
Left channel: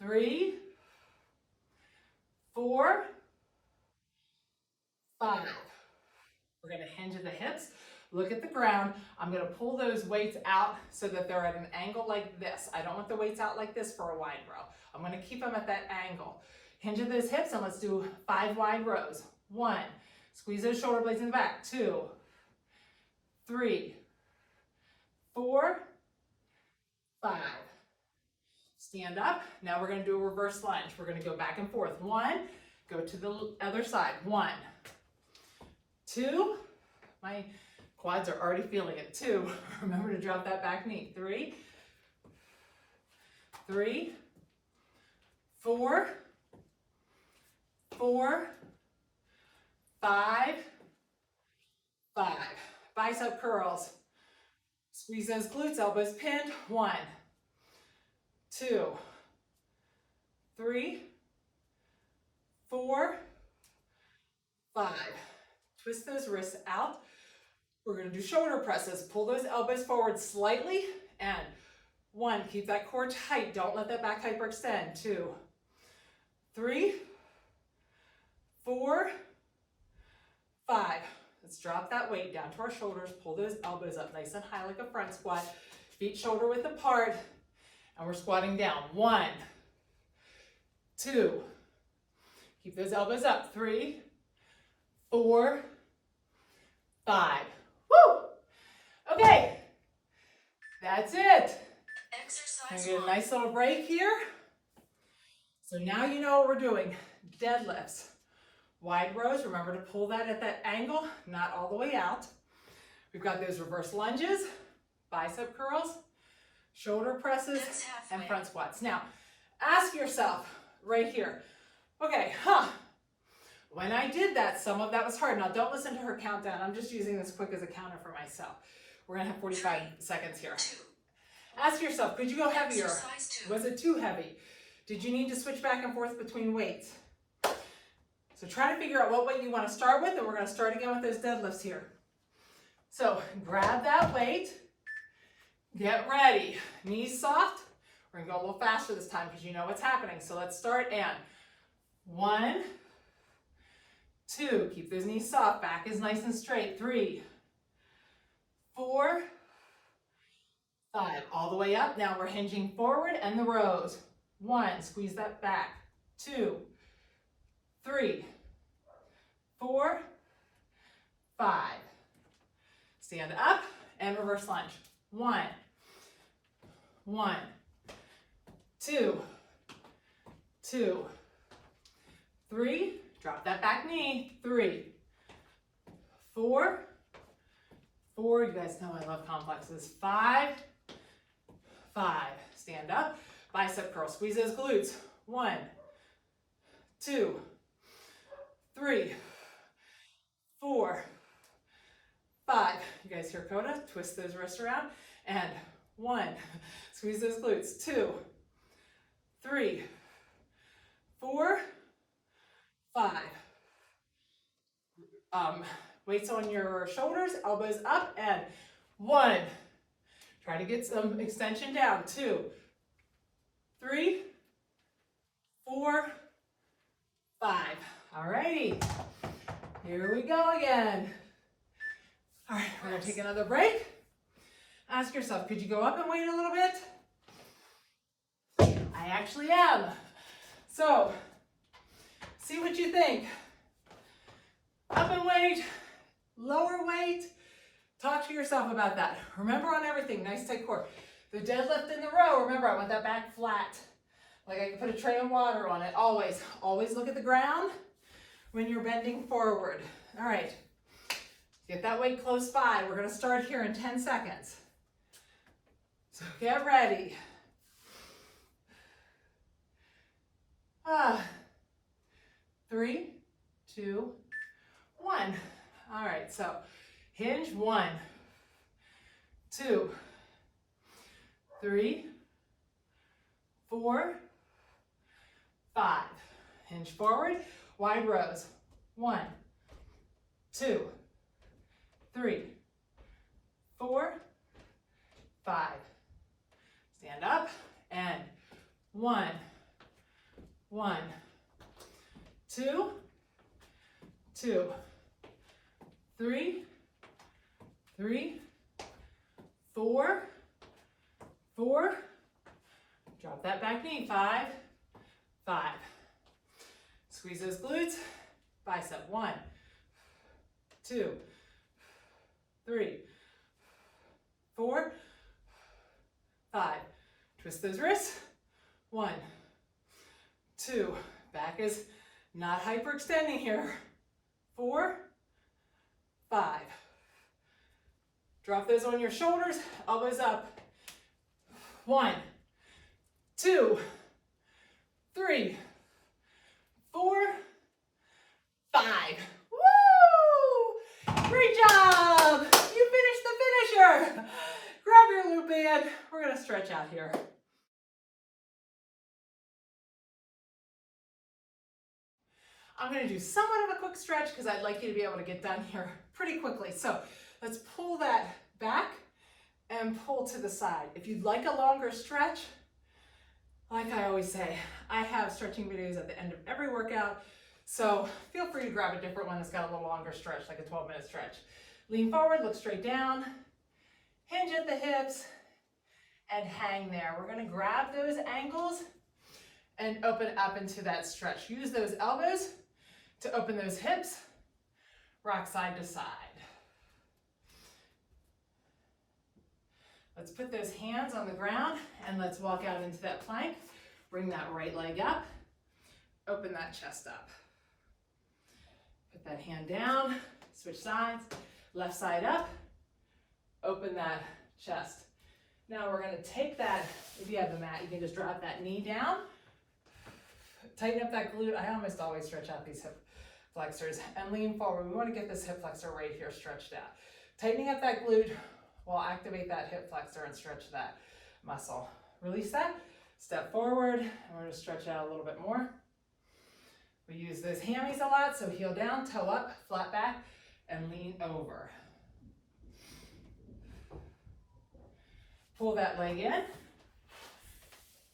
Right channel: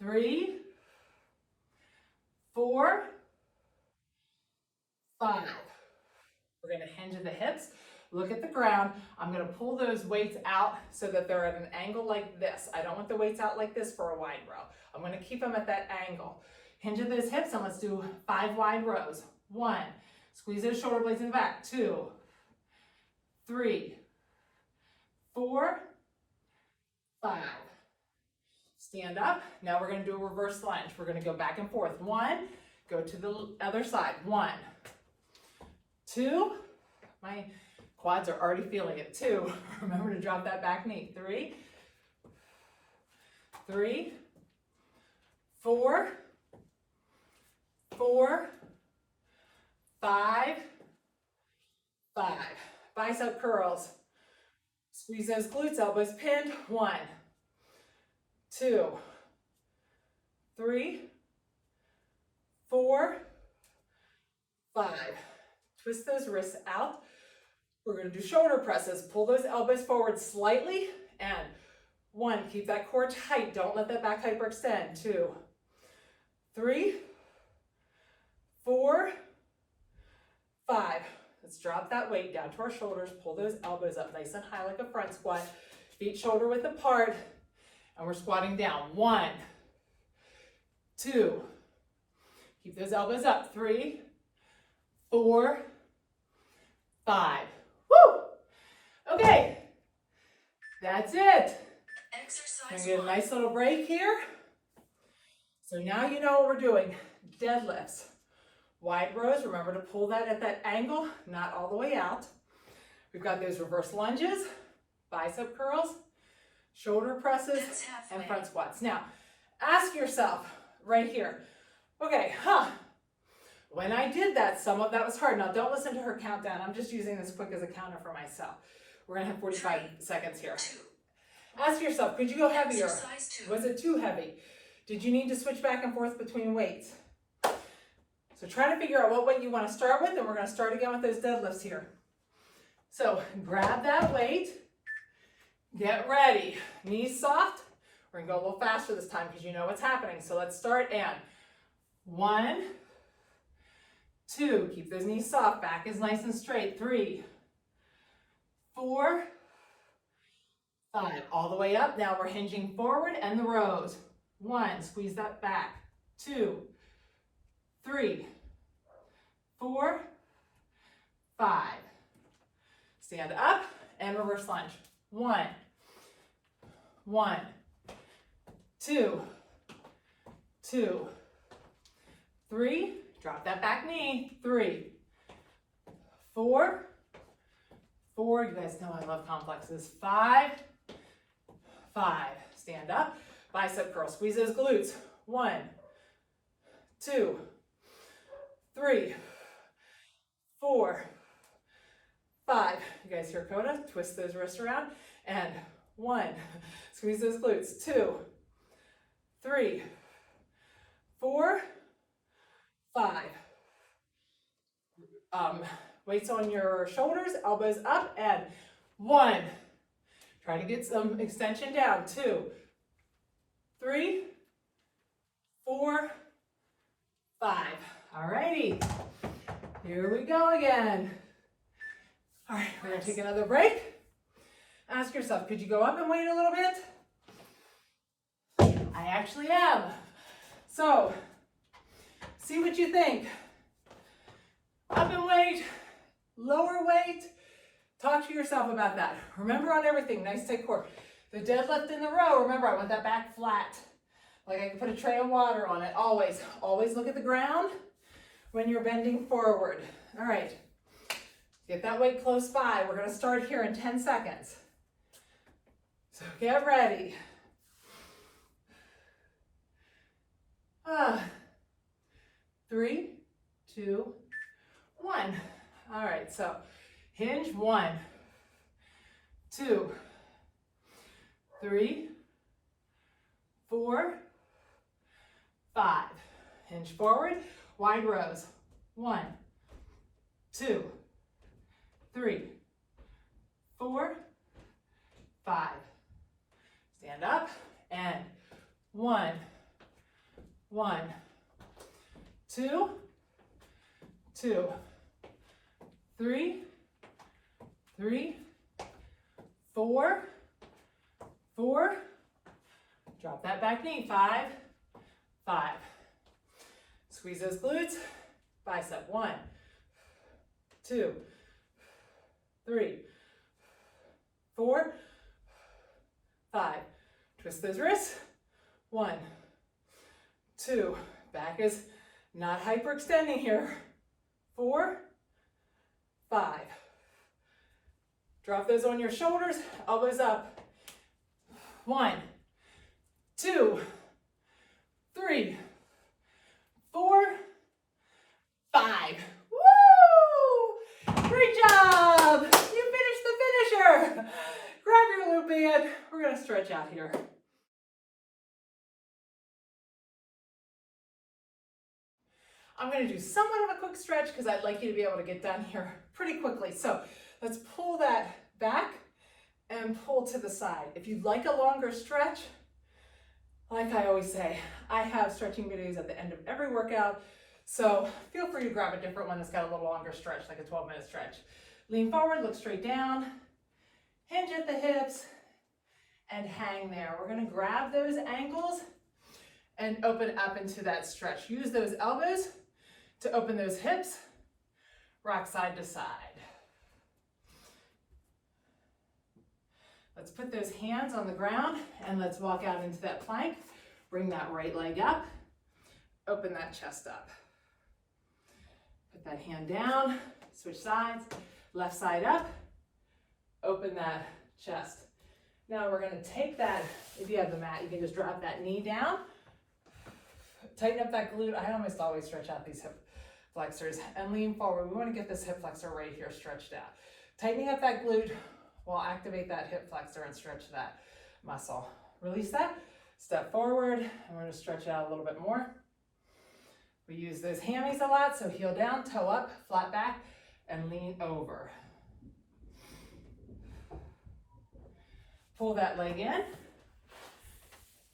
3, 4, 5. We're gonna hinge at the hips, look at the ground. I'm gonna pull those weights out so that they're at an angle like this. I don't want the weights out like this for a wide row. I'm gonna keep them at that angle. Hinge at those hips and let's do 5 wide rows. 1, squeeze those shoulder blades in the back. 2, 3, 4, 5. Stand up. Now we're gonna do a reverse lunge. We're gonna go back and forth. 1, go to the other side. 1, 2, my quads are already feeling it. 2, remember to drop that back knee. 3, 3, 4, 4, 5, 5. Bicep curls. Squeeze those glutes, elbows pinned. 1, 2, 3, 4, 5. Twist those wrists out. We're going to do shoulder presses. Pull those elbows forward slightly. And 1, keep that core tight. Don't let that back hyperextend. 2, 3, 4, 5. Let's drop that weight down to our shoulders. Pull those elbows up nice and high like a front squat. Feet shoulder width apart. And we're squatting down. 1, 2. Keep those elbows up. 3, 4, 5. Woo! Okay. That's it. Exercise I'm gonna get a 1. nice little break here. So now you know what we're doing. Deadlifts. Wide rows, remember to pull that at that angle, not all the way out. We've got those reverse lunges, bicep curls, shoulder presses, That's halfway. and front squats. Now, ask yourself right here, okay, when I did that, some of that was hard. Now, don't listen to her countdown. I'm just using this quick as a counter for myself. We're gonna have 45 seconds here. 2. Ask yourself, could you go heavier? Exercise 2. Was it too heavy? Did you need to switch back and forth between weights? So try to figure out what weight you want to start with, and we're going to start again with those deadlifts here. So grab that weight, get ready. Knees soft. We're going to go a little faster this time because you know what's happening. So let's start and 1, 2, keep those knees soft, back is nice and straight. 3, 4, 5, all the way up. Now we're hinging forward and the rows. 1, squeeze that back. 2, 3, 4, 5. Stand up and reverse lunge. 1, 1, 2, 2, 3. Drop that back knee. 3, 4, 4. You guys know I love complexes. 5, 5. Stand up. Bicep curl. Squeeze those glutes. 1, 2, 3, 4, 5. You guys hear Coda? Twist those wrists around. And 1. Squeeze those glutes. 2, 3, 4, 5. Weights on your shoulders, elbows up, and 1. Try to get some extension down. 2, 3, 4, 5. All righty. Here we go again. All right, we're gonna take another break. Ask yourself, could you go up and wait a little bit? I actually am. So, see what you think. Up and wait, lower weight. Talk to yourself about that. Remember on everything, nice tight core. The deadlift in the row, remember I want that back flat. Like I can put a tray of water on it, always. Always look at the ground when you're bending forward. All right, get that weight close by. We're gonna start here in 10 seconds. So get ready. 3, 2, 1. All right, so hinge. 1, 2, 3, 4, 5. Hinge forward, wide rows. 1, 2, 3, 4, 5. Stand up and 1, 1, 2, 2, 3, 3, 4, 4. Drop that back knee. 5, 5. Squeeze those glutes. Bicep. 1, 2, 3, 4, 5. Twist those wrists. 1, 2. Back is not hyperextending here. 4, 5. Drop those on your shoulders, elbows up. 1, 2, 3, 4, 5. Woo! Great job! You finished the finisher. Grab your Lute band. We're gonna stretch out here. I'm going to do somewhat of a quick stretch because I'd like you to be able to get done here pretty quickly. So let's pull that back and pull to the side. If you'd like a longer stretch, like I always say, I have stretching videos at the end of every workout. So feel free to grab a different one that's got a little longer stretch, like a 12-minute stretch. Lean forward, look straight down, hinge at the hips, and hang there. We're going to grab those ankles and open up into that stretch. Use those elbows to open those hips, rock side to side. Let's put those hands on the ground and let's walk out into that plank. Bring that right leg up, open that chest up. Put that hand down, switch sides, left side up, open that chest. Now we're gonna take that, if you have the mat, you can just drop that knee down, tighten up that glute. I almost always stretch out these hip flexors and lean forward. We want to get this hip flexor right here stretched out. Tightening up that glute will activate that hip flexor and stretch that muscle. Release that, step forward, and we're going to stretch out a little bit more. We use those hammies a lot, so heel down, toe up, flat back, and lean over. Pull that leg in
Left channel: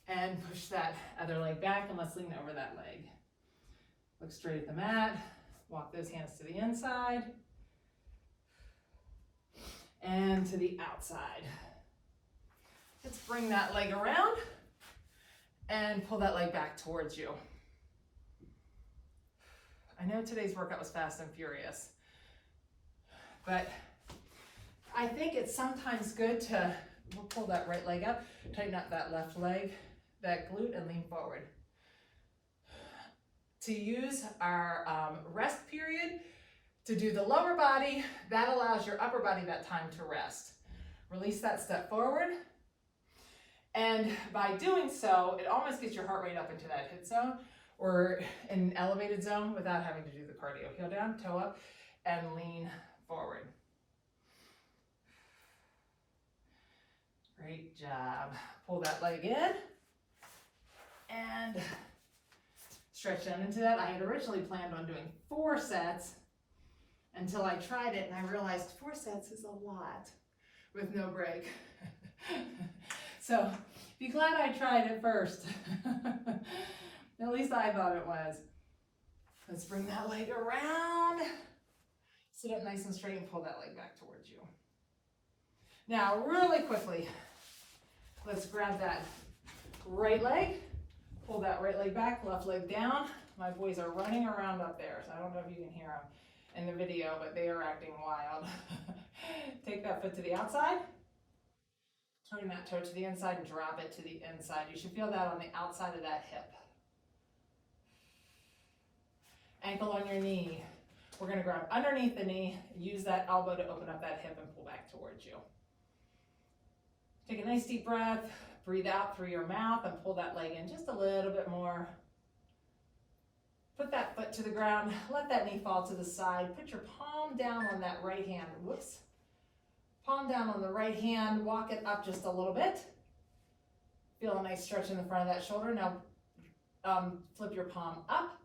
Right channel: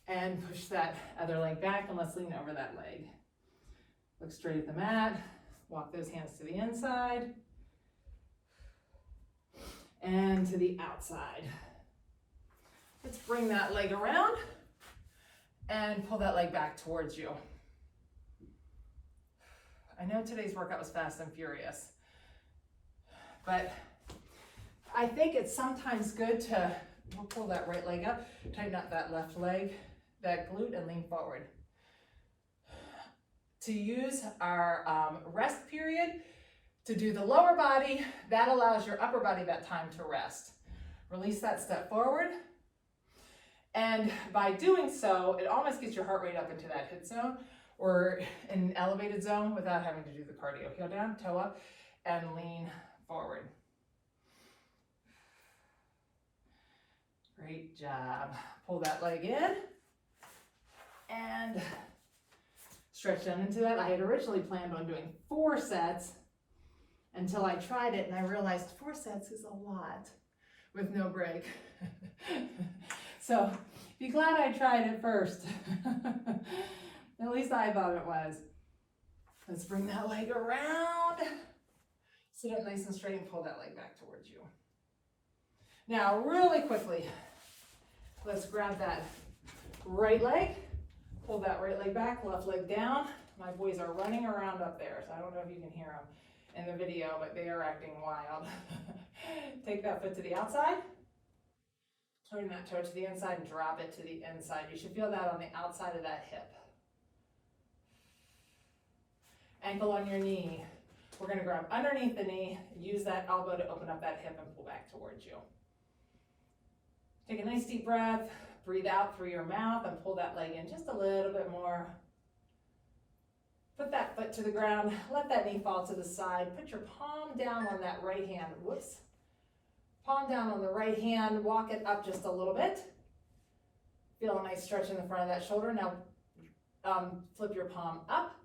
and push that other leg back, and let's lean over that leg. Look straight at the mat, walk those hands to the inside and to the outside. Let's bring that leg around and pull that leg back towards you. I know today's workout was fast and furious, but I think it's sometimes good to pull that right leg up, tighten up that left leg, that glute, and lean forward. To use our rest period to do the lower body, that allows your upper body that time to rest. Release that step forward. And by doing so, it almost gets your heart rate up into that HIIT zone or in an elevated zone without having to do the cardio. Heel down, toe up, and lean forward. Great job. Pull that leg in and stretch down into that. I had originally planned on doing 4 sets until I tried it and I realized 4 sets is a lot with no break. So be glad I tried it first. At least I thought it was. Let's bring that leg around. Sit up nice and straight and pull that leg back towards you. Now, really quickly, let's grab that right leg, pull that right leg back, left leg down. My boys are running around up there, so I don't know if you can hear them in the video, but they are acting wild. Take that foot to the outside, turn that toe to the inside and drop it to the inside. You should feel that on the outside of that hip. Ankle on your knee. We're gonna grab underneath the knee, use that elbow to open up that hip and pull back towards you. Take a nice deep breath, breathe out through your mouth and pull that leg in just a little bit more. Put that foot to the ground, let that knee fall to the side. Put your palm down on that right hand, whoops. Palm down on the right hand, walk it up just a little bit. Feel a nice stretch in the front of that shoulder. Now flip your palm up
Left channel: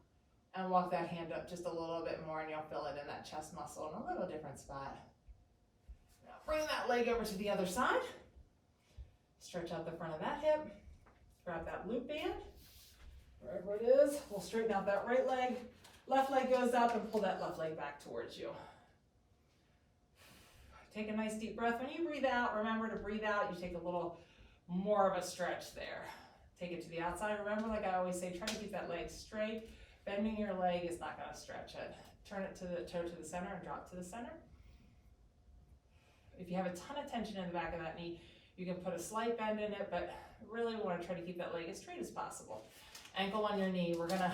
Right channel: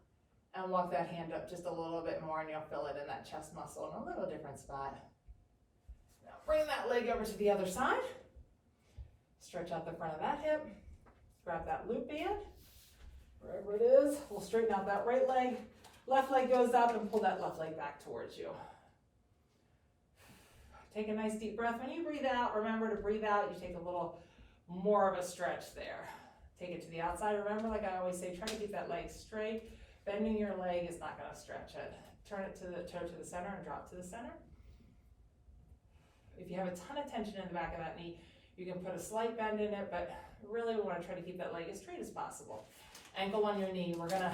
and walk that hand up just a little bit more and you'll feel it in that chest muscle in a little different spot. Now bring that leg over to the other side. Stretch out the front of that hip. Grab that Lute band, wherever it is. We'll straighten out that right leg. Left leg goes up and pull that left leg back towards you. Take a nice deep breath. When you breathe out, remember to breathe out. You take a little more of a stretch there. Take it to the outside. Remember, like I always say, try to keep that leg straight. Bending your leg is not going to stretch it. Turn it to the toe to the center and drop to the center. If you have a ton of tension in the back of that knee, you can put a slight bend in it, but really we want to try to keep that leg as straight as possible. Ankle on your knee. We're going to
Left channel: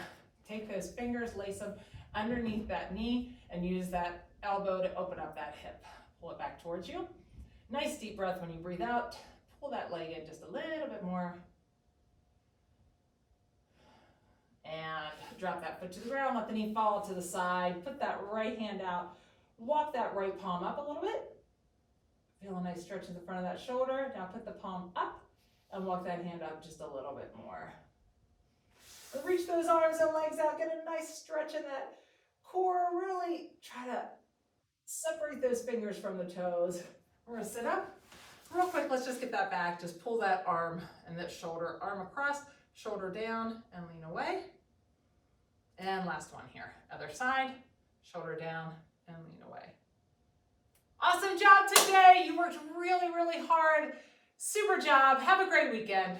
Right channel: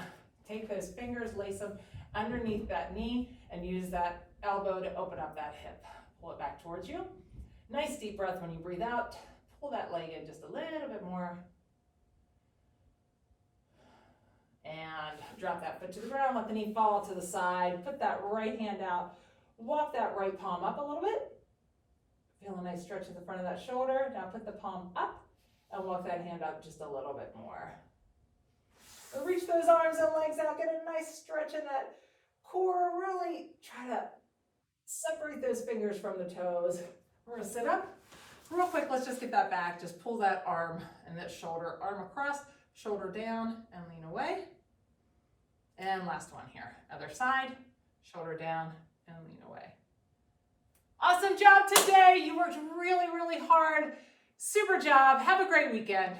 take those fingers, lace them underneath that knee, and use that elbow to open up that hip. Pull it back towards you. Nice deep breath when you breathe out. Pull that leg in just a little bit more. And drop that foot to the ground, let the knee fall to the side. Put that right hand out. Walk that right palm up a little bit. Feel a nice stretch in the front of that shoulder. Now put the palm up and walk that hand up just a little bit more. Reach those arms and legs out. Get a nice stretch in that core. Really try to separate those fingers from the toes. We're gonna sit up. Real quick, let's just get that back. Just pull that arm and that shoulder, arm across, shoulder down and lean away. And last one here. Other side, shoulder down and lean away. Awesome job today. You worked really, really hard. Super job. Have a great weekend.